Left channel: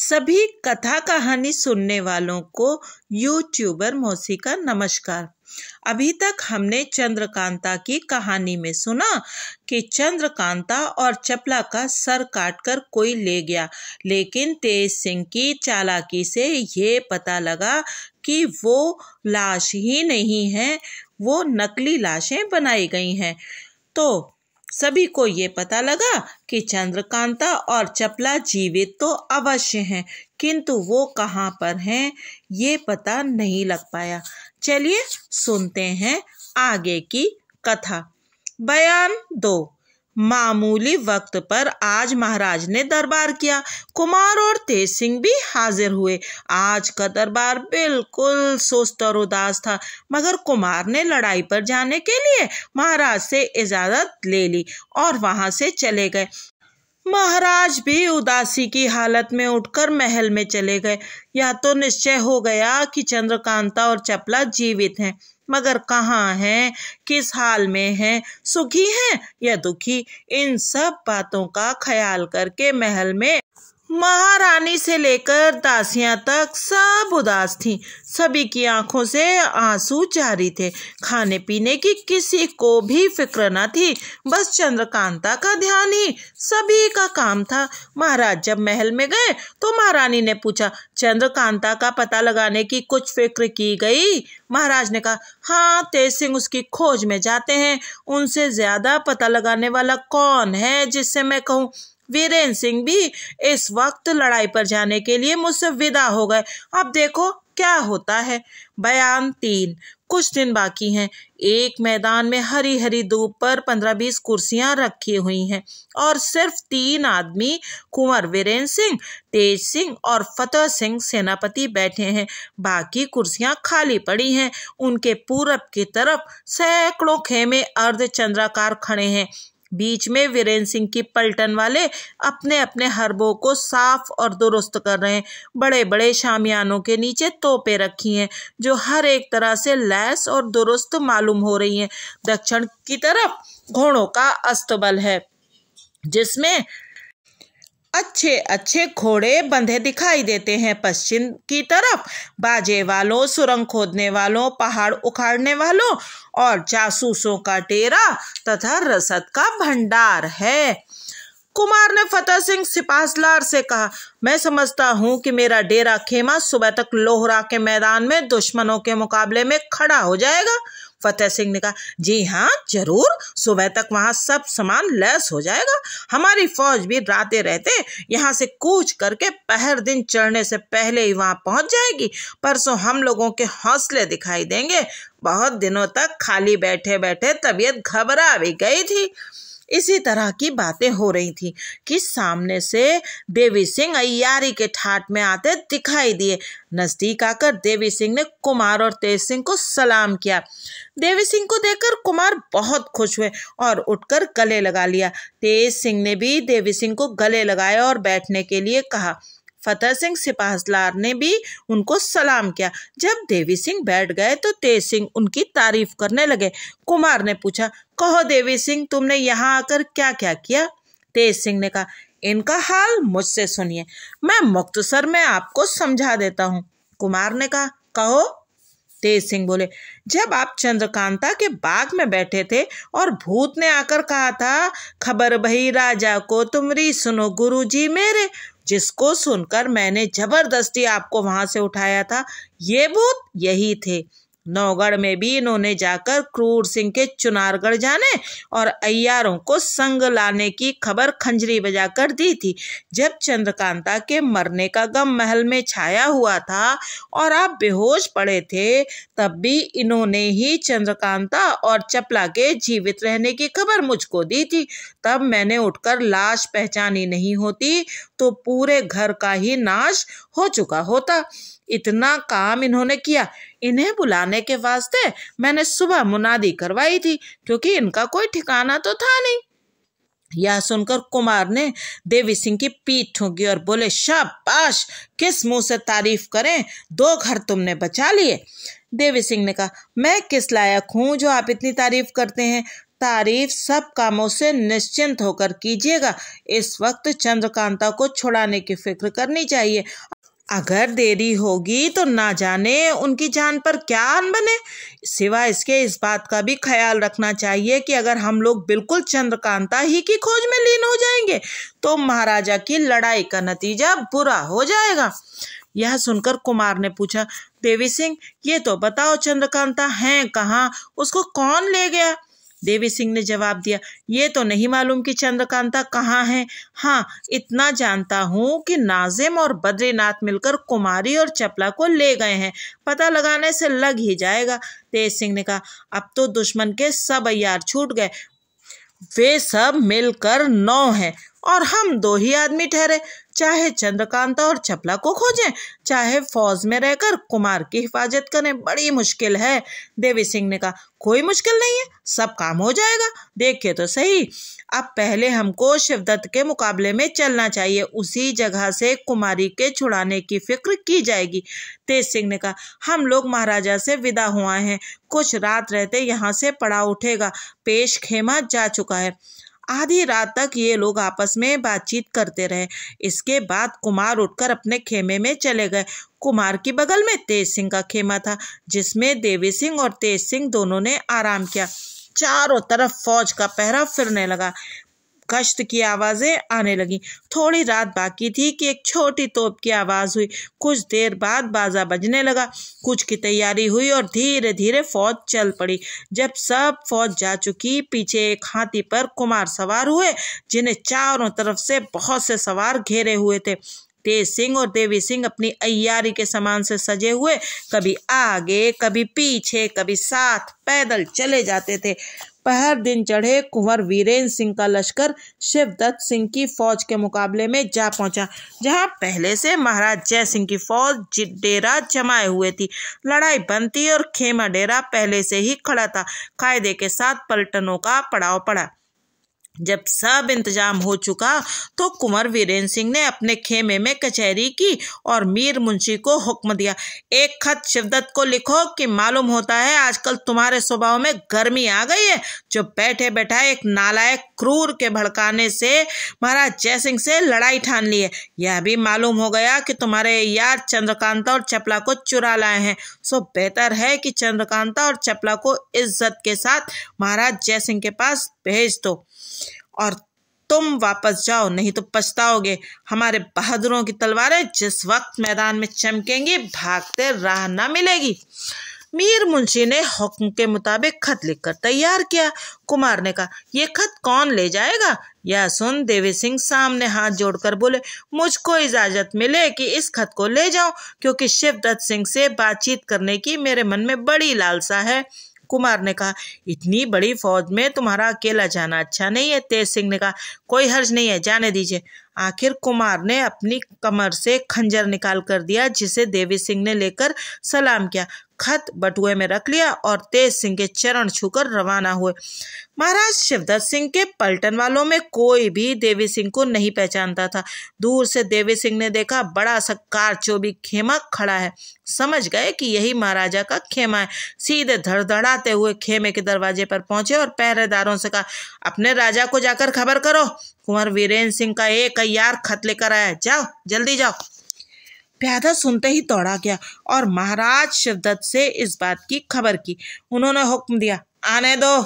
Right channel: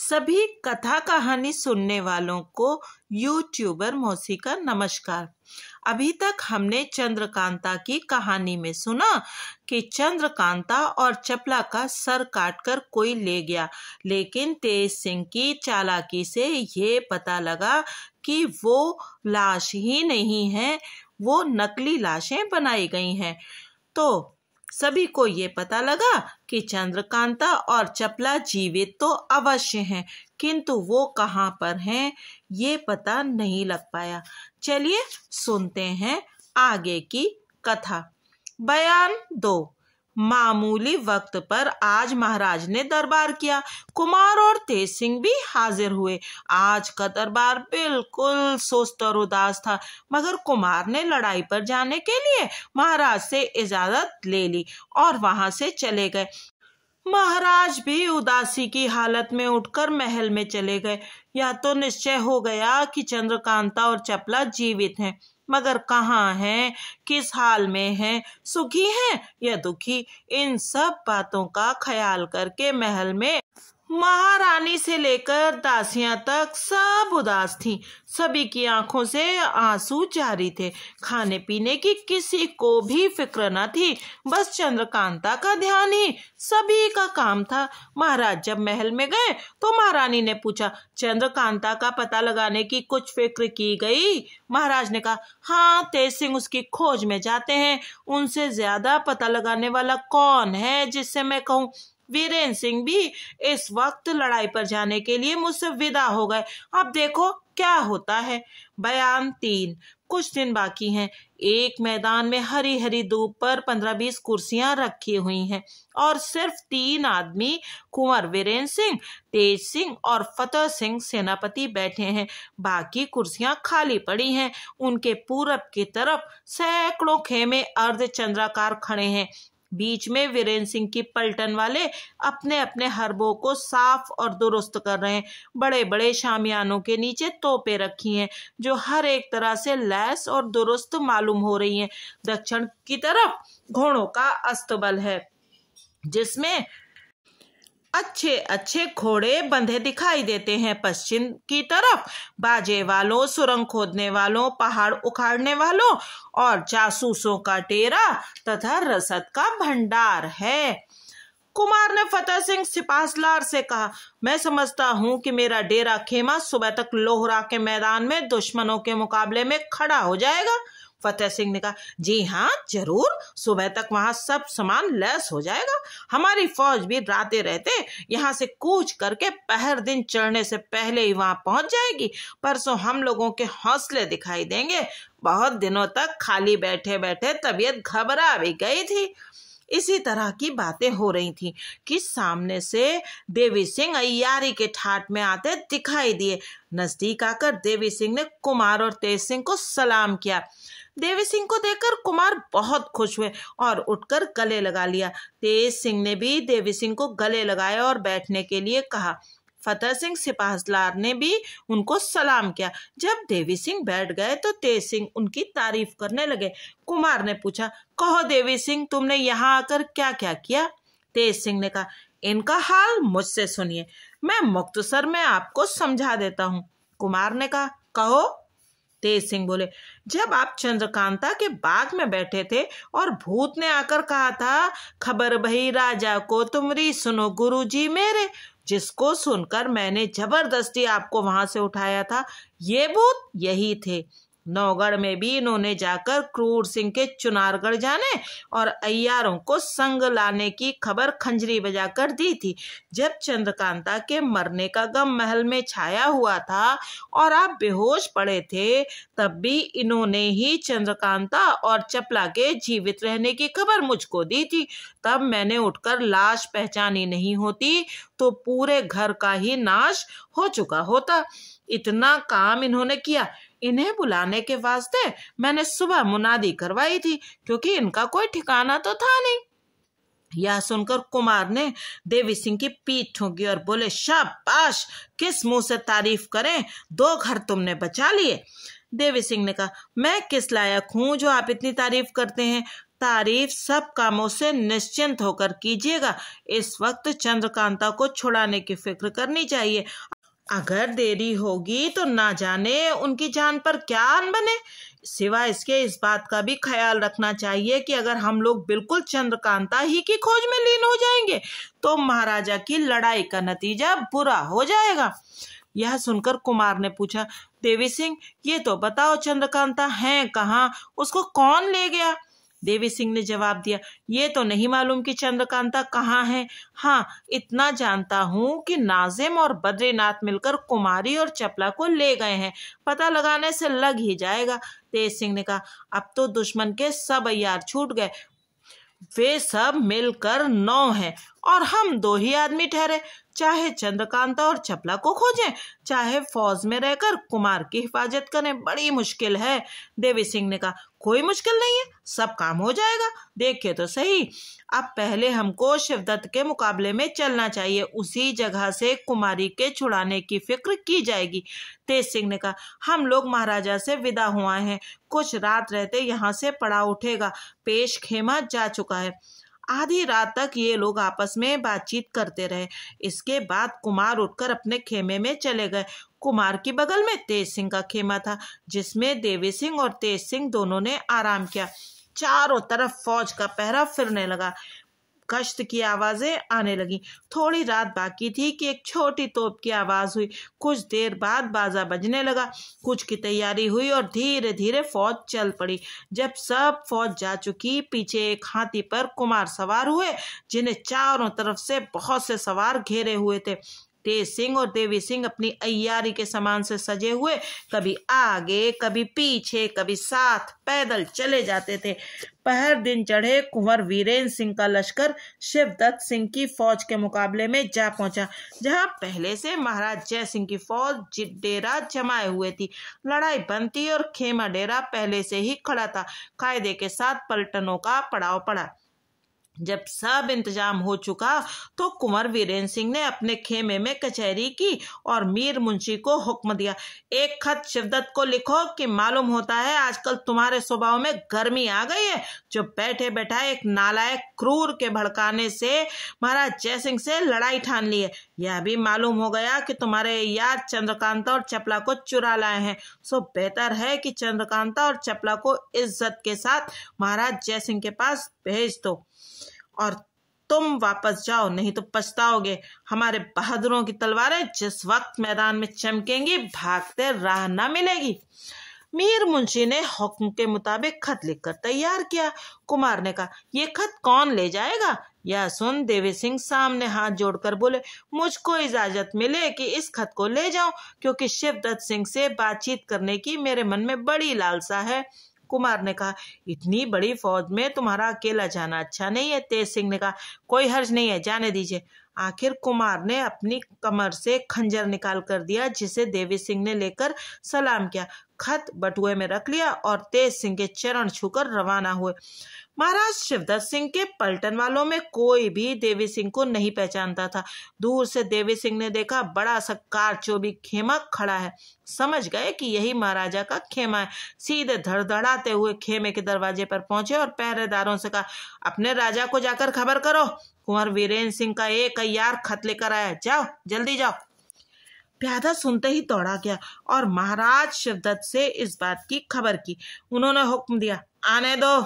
सभी कथा कहानी सुनने वालों को यूट्यूबर मौसी का नमस्कार। अभी तक हमने चंद्रकांता की कहानी में सुना कि चंद्रकांता और चपला का सर काटकर कोई ले गया, लेकिन तेज सिंह की चालाकी से ये पता लगा कि वो लाश ही नहीं है, वो नकली लाशें बनाई गई हैं। तो सभी को ये पता लगा कि चंद्रकांता और चपला जीवित तो अवश्य हैं, किंतु वो कहाँ पर हैं ये पता नहीं लग पाया। चलिए सुनते हैं आगे की कथा। बयान 2। मामूली वक्त पर आज महाराज ने दरबार किया। कुमार और तेज सिंह भी हाजिर हुए। आज का दरबार बिल्कुल सुस्त और उदास था, मगर कुमार ने लड़ाई पर जाने के लिए महाराज से इजाजत ले ली और वहां से चले गए। महाराज भी उदासी की हालत में उठकर महल में चले गए। या तो निश्चय हो गया कि चंद्रकांता और चपला जीवित हैं, मगर कहाँ हैं, किस हाल में हैं, सुखी हैं या दुखी, इन सब बातों का ख्याल करके महल में महारानी से लेकर दासियां तक सब उदास थीं। सभी की आंखों से आंसू जारी थे। खाने पीने की किसी को भी फिक्र न थी, बस चंद्रकांता का ध्यान ही सभी का काम था। महाराज जब महल में गए तो महारानी ने पूछा, चंद्रकांता का पता लगाने की कुछ फिक्र की गई? महाराज ने कहा, हाँ, तेज सिंह उसकी खोज में जाते हैं। उनसे ज्यादा पता लगाने वाला कौन है जिससे मैं कहूँ? वीरेंद्र सिंह भी इस वक्त लड़ाई पर जाने के लिए मुझसे विदा हो गए। अब देखो क्या होता है। बयान 3। कुछ दिन बाकी हैं। एक मैदान में हरी हरी धूप पर 15-20 कुर्सियां रखी हुई हैं और सिर्फ 3 आदमी, कुंवर वीरेंद्र सिंह, तेज सिंह और फतेह सिंह सेनापति बैठे हैं। बाकी कुर्सियां खाली पड़ी हैं। उनके पूरब की तरफ सैकड़ों खेमे अर्धचंद्राकार खड़े हैं। बीच में वीरेंद्र सिंह की पलटन वाले अपने अपने हरबों को साफ और दुरुस्त कर रहे हैं। बड़े बड़े शामियानों के नीचे तोपें रखी हैं जो हर एक तरह से लैस और दुरुस्त मालूम हो रही हैं। दक्षिण की तरफ घोड़ों का अस्तबल है जिसमें अच्छे अच्छे घोड़े बंधे दिखाई देते हैं। पश्चिम की तरफ बाजे वालों, सुरंग खोदने वालों, पहाड़ उखाड़ने वालों और जासूसों का डेरा तथा रसद का भंडार है। कुमार ने फतेह सिंह सिपाहसलार से कहा, मैं समझता हूँ कि मेरा डेरा खेमा सुबह तक लोहरा के मैदान में दुश्मनों के मुकाबले में खड़ा हो जाएगा। फतेह सिंह ने कहा, जी हाँ जरूर, सुबह तक वहाँ सब सामान लैस हो जाएगा। हमारी फौज भी रातें रहते यहाँ से कूच करके पहर दिन चढ़ने से पहले ही वहाँ पहुँच जाएगी। परसों हम लोगों के हौसले दिखाई देंगे। बहुत दिनों तक खाली बैठे बैठे तबीयत घबरा भी गई थी। इसी तरह की बातें हो रही थी कि सामने से देवी सिंह अय्यारी के ठाट में आते दिखाई दिए। नजदीक आकर देवी सिंह ने कुमार और तेज सिंह को सलाम किया। देवी सिंह को देखकर कुमार बहुत खुश हुए और उठकर गले लगा लिया। तेज सिंह ने भी देवी सिंह को गले लगाया और बैठने के लिए कहा। फतेह सिंह सिपाहसलार ने भी उनको सलाम किया। जब देवी सिंह बैठ गए तो तेज सिंह उनकी तारीफ करने लगे। कुमार ने पूछा, कहो देवी सिंह, तुमने यहाँ आकर क्या क्या किया? तेज सिंह ने कहा, इनका हाल मुझसे सुनिए, मैं मुख्तसर में आपको समझा देता हूँ। कुमार ने कहा, कहो। तेज सिंह बोले, जब आप चंद्रकांता के बाग में बैठे थे और भूत ने आकर कहा था, खबर भई राजा को तुमरी, सुनो गुरुजी मेरे, जिसको सुनकर मैंने जबरदस्ती आपको वहां से उठाया था, ये भूत यही थे। नौगढ़ में भी इन्होंने जाकर क्रूर सिंह के चुनारगढ़ जाने और अय्यारों को संग लाने की खबर खंजरी बजाकर दी थी। जब चंद्रकांता के मरने का गम महल में छाया हुआ था और आप बेहोश पड़े थे, तब भी इन्होंने ही चंद्रकांता और चपला के जीवित रहने की खबर मुझको दी थी। तब मैंने उठकर लाश पहचानी नहीं होती तो पूरे घर का ही नाश हो चुका होता। इतना काम इन्होंने किया। इन्हें बुलाने के वास्ते मैंने सुबह मुनादी करवाई थी, क्योंकि इनका कोई ठिकाना तो था नहीं। यह सुनकर कुमार ने देवी सिंह की पीठ ठोकी और बोले, शाबाश, किस मुंह से तारीफ करें, 2 घर तुमने बचा लिए। देवी सिंह ने कहा, मैं किस लायक हूँ जो आप इतनी तारीफ करते हैं? तारीफ सब कामों से निश्चिंत होकर कीजिएगा। इस वक्त चंद्रकांता को छुड़ाने की फिक्र करनी चाहिए। अगर देरी होगी तो ना जाने उनकी जान पर क्या आन बने। सिवाय इसके इस बात का भी ख्याल रखना चाहिए कि अगर हम लोग बिल्कुल चंद्रकांता ही की खोज में लीन हो जाएंगे तो महाराजा की लड़ाई का नतीजा बुरा हो जाएगा। यह सुनकर कुमार ने पूछा, देवी सिंह ये तो बताओ चंद्रकांता है कहाँ, उसको कौन ले गया? देवी सिंह ने जवाब दिया, ये तो नहीं मालूम कि चंद्रकांता कहाँ है। हाँ, इतना जानता हूँ कि नाजिम और बद्रीनाथ मिलकर कुमारी और चपला को ले गए हैं। पता लगाने से लग ही जाएगा। तेज सिंह ने कहा, अब तो दुश्मन के सब अय्यार छूट गए। वे सब मिलकर 9 हैं और हम 2 ही आदमी ठहरे। चाहे चंद्रकांता और चपला को खोजें, चाहे फौज में रहकर कुमार की हिफाजत करें, बड़ी मुश्किल है। देवी सिंह ने कहा, कोई मुश्किल नहीं है, सब काम हो जाएगा। देखिए तो सही, अब पहले हमको शिवदत्त के मुकाबले में चलना चाहिए। उसी जगह से कुमारी के छुड़ाने की फिक्र की जाएगी। तेज सिंह ने कहा, हम लोग महाराजा से विदा हुआ हैं। कुछ रात रहते यहाँ से पड़ाव उठेगा। पेश खेमा जा चुका है। आधी रात तक ये लोग आपस में बातचीत करते रहे। इसके बाद कुमार उठकर अपने खेमे में चले गए। कुमार की बगल में तेज सिंह का खेमा था, जिसमें देवी सिंह और तेज सिंह दोनों ने आराम किया। चारों तरफ फौज का पहरा फिरने लगा। गश्त की आवाजें आने लगी। थोड़ी रात बाकी थी कि एक छोटी तोप की आवाज हुई। कुछ देर बाद बाजा बजने लगा। कुछ की तैयारी हुई और धीरे धीरे फौज चल पड़ी। जब सब फौज जा चुकी, पीछे एक हाथी पर कुमार सवार हुए, जिन्हें चारों तरफ से बहुत से सवार घेरे हुए थे। तेज सिंह और देवी सिंह अपनी अय्यारी के सामान से सजे हुए कभी आगे, कभी पीछे, कभी साथ पैदल चले जाते थे। पहर दिन चढ़े कुंवर वीरेंद्र सिंह का लश्कर शिवदत्त सिंह की फौज के मुकाबले में जा पहुंचा, जहां पहले से महाराज जय सिंह की फौज डेरा जमाए हुए थी। लड़ाई बंद थी और खेमा डेरा पहले से ही खड़ा था। कायदे के साथ पलटनों का पड़ाव पड़ा। जब सब इंतजाम हो चुका तो कुंवर वीरेंद्र सिंह ने अपने खेमे में कचहरी की और मीर मुंशी को हुक्म दिया, एक खत शिवदत्त को लिखो कि मालूम होता है आजकल तुम्हारे स्वभाव में गर्मी आ गई है, जो बैठे बैठाए एक नालायक क्रूर के भड़काने से महाराज जयसिंह से लड़ाई ठान ली है। यह भी मालूम हो गया कि तुम्हारे यार चंद्रकांता और चपला को चुरा लाए हैं। सो बेहतर है कि चंद्रकांता और चपला को इज्जत के साथ महाराज जयसिंह के पास भेज दो और तुम वापस जाओ, नहीं तो पछताओगे। हमारे बहादुरों की तलवारें जिस वक्त मैदान में चमकेंगी, भागते राह ना मिलेगी। मीर मुंशी ने हुक्म के मुताबिक खत लिखकर तैयार किया। कुमार ने कहा, ये खत कौन ले जाएगा? यह सुन देवी सिंह सामने हाथ जोड़कर बोले, मुझको इजाजत मिले कि इस खत को ले जाऊं, क्योंकि शिवदत्त सिंह से बातचीत करने की मेरे मन में बड़ी लालसा है। कुमार ने कहा, इतनी बड़ी फौज में तुम्हारा अकेला जाना अच्छा नहीं है। तेज सिंह ने कहा, कोई हर्ज नहीं है, जाने दीजिए। आखिर कुमार ने अपनी कमर से खंजर निकाल कर दिया, जिसे देवी सिंह ने लेकर सलाम किया। खत बटुए में रख लिया और तेज सिंह के चरण छूकर रवाना हुए। महाराज शिवदत्त सिंह के पलटन वालों में कोई भी देवी सिंह को नहीं पहचानता था। दूर से देवी सिंह ने देखा, बड़ा सा कारचोबी खेमा खड़ा है। समझ गए कि यही महाराजा का खेमा है। सीधे धड़धड़ाते हुए खेमे के दरवाजे पर पहुंचे और पहरेदारों से कहा, अपने राजा को जाकर खबर करो, कुंवर वीरेंद्र सिंह का एक अय्यार खत लेकर आया, जाओ जल्दी जाओ। प्यादा सुनते ही दौड़ा गया और महाराज शिवदत्त से इस बात की खबर की। उन्होंने हुक्म दिया, आने दो।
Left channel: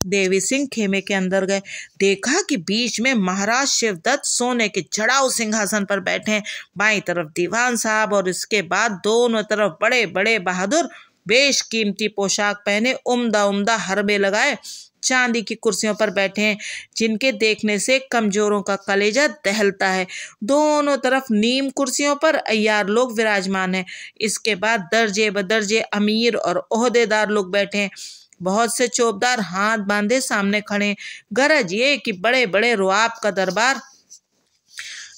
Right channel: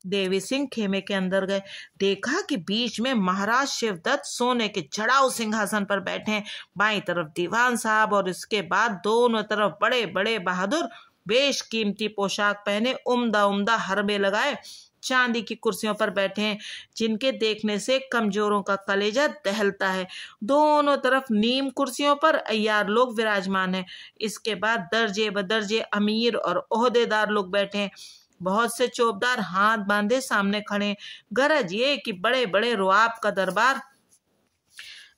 देवी सिंह खेमे के अंदर गए। देखा कि बीच में महाराज शिवदत्त सोने के चढ़ाऊ सिंहासन पर बैठे हैं। बाईं तरफ दीवान साहब और इसके बाद दोनों तरफ बड़े बड़े बहादुर बेशकीमती पोशाक पहने, उम्दा उम्दा हरबे लगाए, चांदी की कुर्सियों पर बैठे हैं, जिनके देखने से कमजोरों का कलेजा दहलता है। दोनों तरफ नीम कुर्सियों पर अय्यार लोग विराजमान हैं। इसके बाद दर्जे बदर्जे अमीर और ओहदेदार लोग बैठे हैं। बहुत से चौबदार हाथ बांधे सामने खड़े। गरज ये कि बड़े बड़े रुआब का दरबार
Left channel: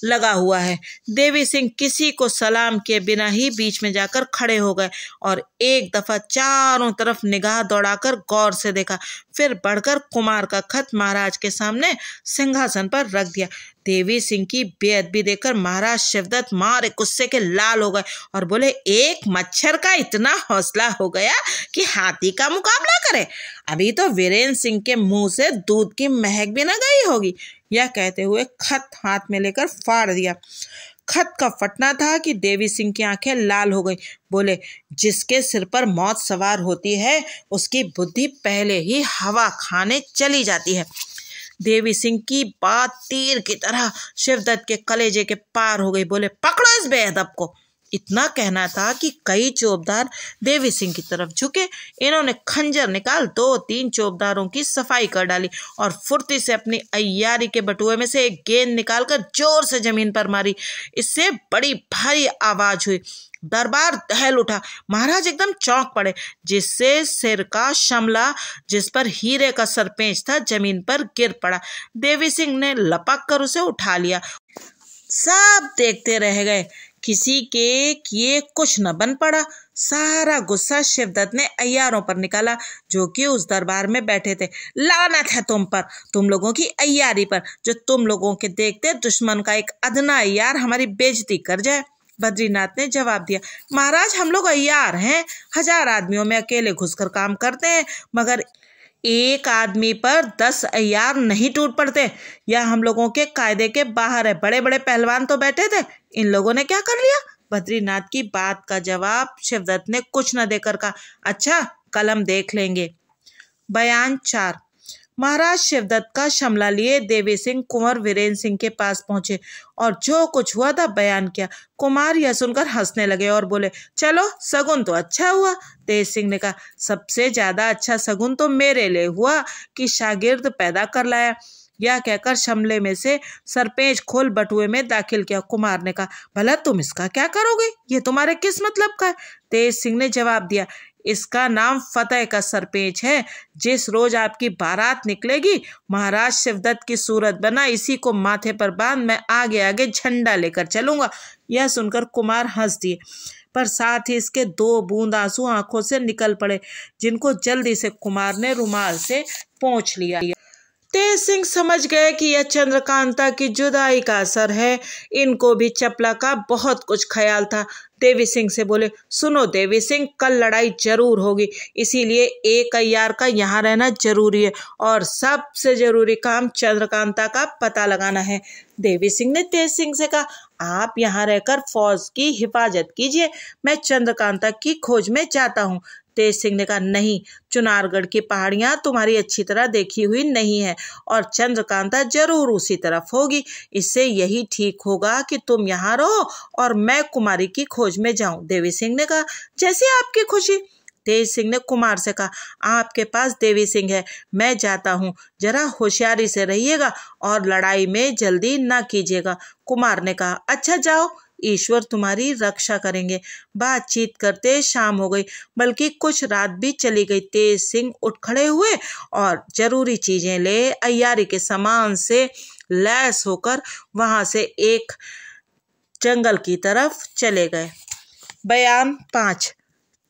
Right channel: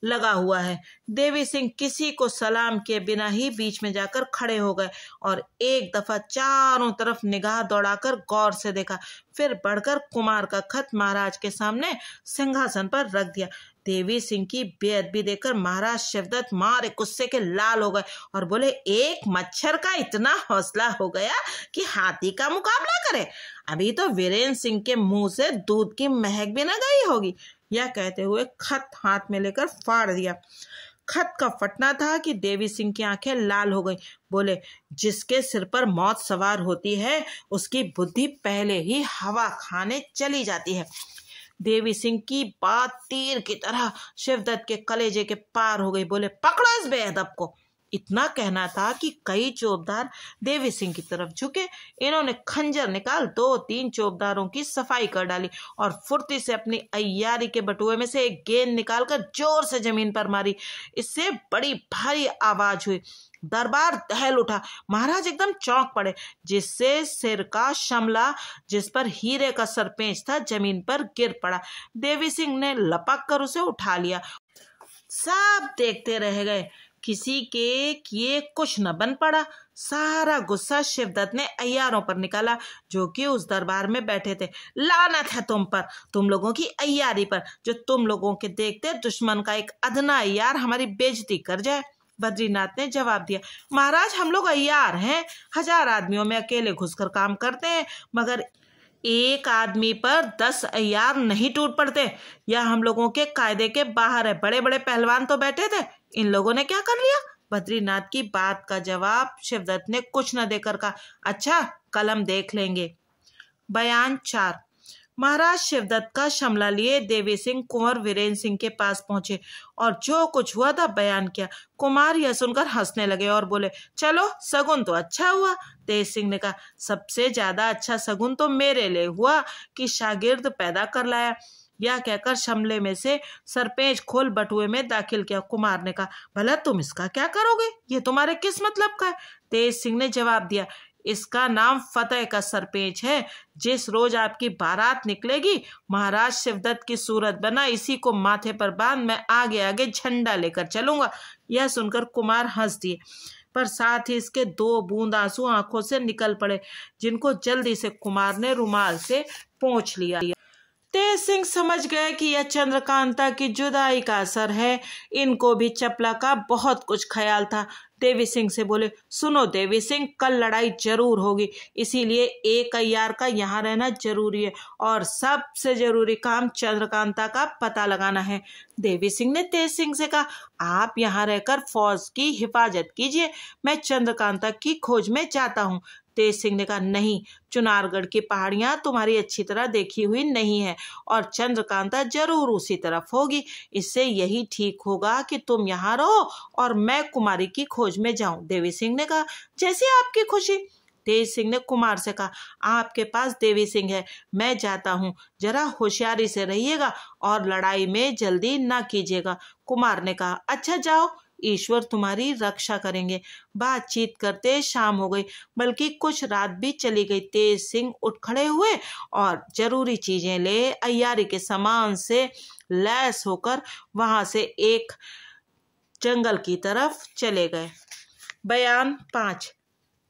लगा हुआ है। देवी सिंह किसी को सलाम किए बिना ही बीच में जाकर खड़े हो गए और एक दफा चारों तरफ निगाह दौड़ाकर गौर से देखा। फिर बढ़कर कुमार का खत महाराज के सामने सिंहासन पर रख दिया। देवी सिंह की बेअदबी देखकर महाराज शिवदत्त मारे गुस्से के लाल हो गए और बोले, एक मच्छर का इतना हौसला हो गया कि हाथी का मुकाबला करे। अभी तो वीरेंद्र सिंह के मुंह से दूध की महक भी न गई होगी। यह कहते हुए खत हाथ में लेकर फाड़ दिया। खत का फटना था कि देवी सिंह की आंखें लाल हो गई। बोले, जिसके सिर पर मौत सवार होती है उसकी बुद्धि पहले ही हवा खाने चली जाती है। देवी सिंह की बात तीर की तरह शिवदत्त के कलेजे के पार हो गई। बोले, पकड़ो इस बेअदब को। इतना कहना था कि कई चौबदार देवी सिंह की तरफ झुके। इन्होंने खंजर निकाल 2-3 चौबदारों की सफाई कर डाली और फुर्ती से अपनी अय्यारी के बटुए में से एक गेंद निकालकर जोर से जमीन पर मारी। इससे बड़ी भारी आवाज हुई। दरबार दहल उठा। महाराज एकदम चौंक पड़े, जिससे सिर का शमला जिस पर हीरे का सरपेंच था जमीन पर गिर पड़ा। देवी सिंह ने लपक कर उसे उठा लिया। सब देखते रह गए, किसी के किए कुछ न बन पड़ा। सारा गुस्सा शिवदत्त ने अय्यारों पर निकाला जो कि उस दरबार में बैठे थे। लानत है तुम पर, तुम लोगों की अय्यारी पर, जो तुम लोगों के देखते दुश्मन का एक अदना अय्यार हमारी बेइज्जती कर जाए। बद्रीनाथ ने जवाब दिया, महाराज हम लोग अय्यार हैं, 1000 आदमियों में अकेले घुसकर काम करते हैं, मगर एक आदमी पर 10 अय्यार नहीं टूट पड़ते। यह हम लोगों के कायदे के बाहर है। बड़े बड़े पहलवान तो बैठे थे, इन लोगों ने क्या कर लिया? बद्रीनाथ की बात का जवाब शिवदत्त ने कुछ न देकर कहा, अच्छा कलम देख लेंगे। बयान 4। महाराज शिवदत्त का शमला लिए देवी सिंह कुंवर वीरेंद्र सिंह के पास पहुंचे और जो कुछ हुआ था बयान किया। कुमार यह सुनकर हंसने लगे और बोले, चलो सगुन तो अच्छा हुआ। तेज सिंह ने कहा, सबसे ज्यादा अच्छा सगुन तो मेरे लिए हुआ कि शागिर्द पैदा कर लाया। यह कहकर शमले में से सरपेंच खोल बटुए में दाखिल किया। कुमार ने कहा, भला तुम इसका क्या करोगे? ये तुम्हारे किस मतलब का है? तेज सिंह ने जवाब दिया, इसका नाम फतेह का सरपेंच है। जिस रोज आपकी बारात निकलेगी, महाराज शिवदत्त की सूरत बना इसी को माथे पर बांध मैं आगे आगे झंडा लेकर चलूंगा। यह सुनकर कुमार हंस दिए, पर साथ ही इसके 2 बूंद आंसू आंखों से निकल पड़े, जिनको जल्दी से कुमार ने रुमाल से पोंछ लिया। तेज सिंह समझ गए कि यह चंद्रकांता की जुदाई का असर है। इनको भी चपला का बहुत कुछ ख्याल था। देवी सिंह से बोले, सुनो देवी सिंह, कल लड़ाई जरूर होगी, इसीलिए एक अय्यार का यहाँ रहना जरूरी है और सबसे जरूरी काम चंद्रकांता का पता लगाना है। देवी सिंह ने तेज सिंह से कहा, आप यहाँ रहकर फौज की हिफाजत कीजिए, मैं चंद्रकांता की खोज में जाता हूँ। तेज सिंह ने कहा, नहीं, चुनारगढ़ की पहाड़ियां तुम्हारी अच्छी तरह देखी हुई नहीं है और चंद्रकांता जरूर उसी तरफ होगी। इससे यही ठीक होगा कि तुम यहाँ रहो और मैं कुमारी की खोज में जाऊं। देवी सिंह ने कहा, जैसी आपकी खुशी। तेज सिंह ने कुमार से कहा, आपके पास देवी सिंह है, मैं जाता हूँ, जरा होशियारी से रहिएगा और लड़ाई में जल्दी ना कीजिएगा। कुमार ने कहा, अच्छा जाओ, ईश्वर तुम्हारी रक्षा करेंगे। बातचीत करते शाम हो गई, बल्कि कुछ रात भी चली गई। तेज सिंह उठ खड़े हुए और जरूरी चीजें ले अय्यारी के सामान से लैस होकर वहां से एक जंगल की तरफ चले गए। बयान 5।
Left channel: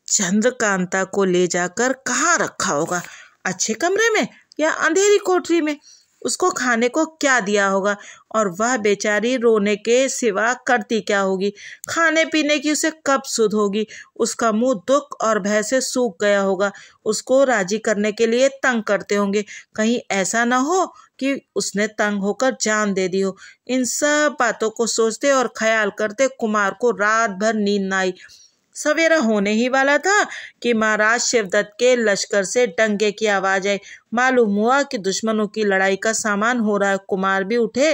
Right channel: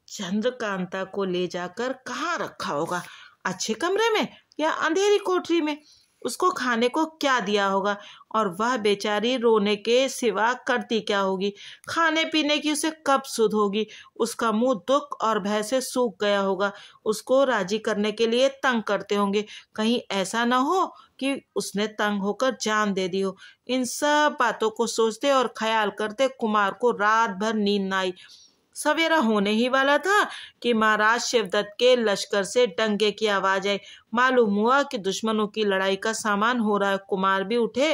चंद्रकांता को ले जाकर कहाँ रखा होगा? अच्छे कमरे में या अंधेरी कोठरी में? उसको खाने को क्या दिया होगा? और वह बेचारी रोने के सिवा करती क्या होगी? खाने पीने की उसे कब सुध होगी? उसका मुंह दुख और भय से सूख गया होगा। उसको राजी करने के लिए तंग करते होंगे, कहीं ऐसा न हो कि उसने तंग होकर जान दे दी हो। इन सब बातों को सोचते और ख्याल करते कुमार को रात भर नींद न आई। सवेरा होने ही वाला था कि महाराज शिवदत्त के लश्कर से डंगे की आवाज आई। मालूम हुआ कि दुश्मनों की लड़ाई का सामान हो रहा है। कुमार भी उठे,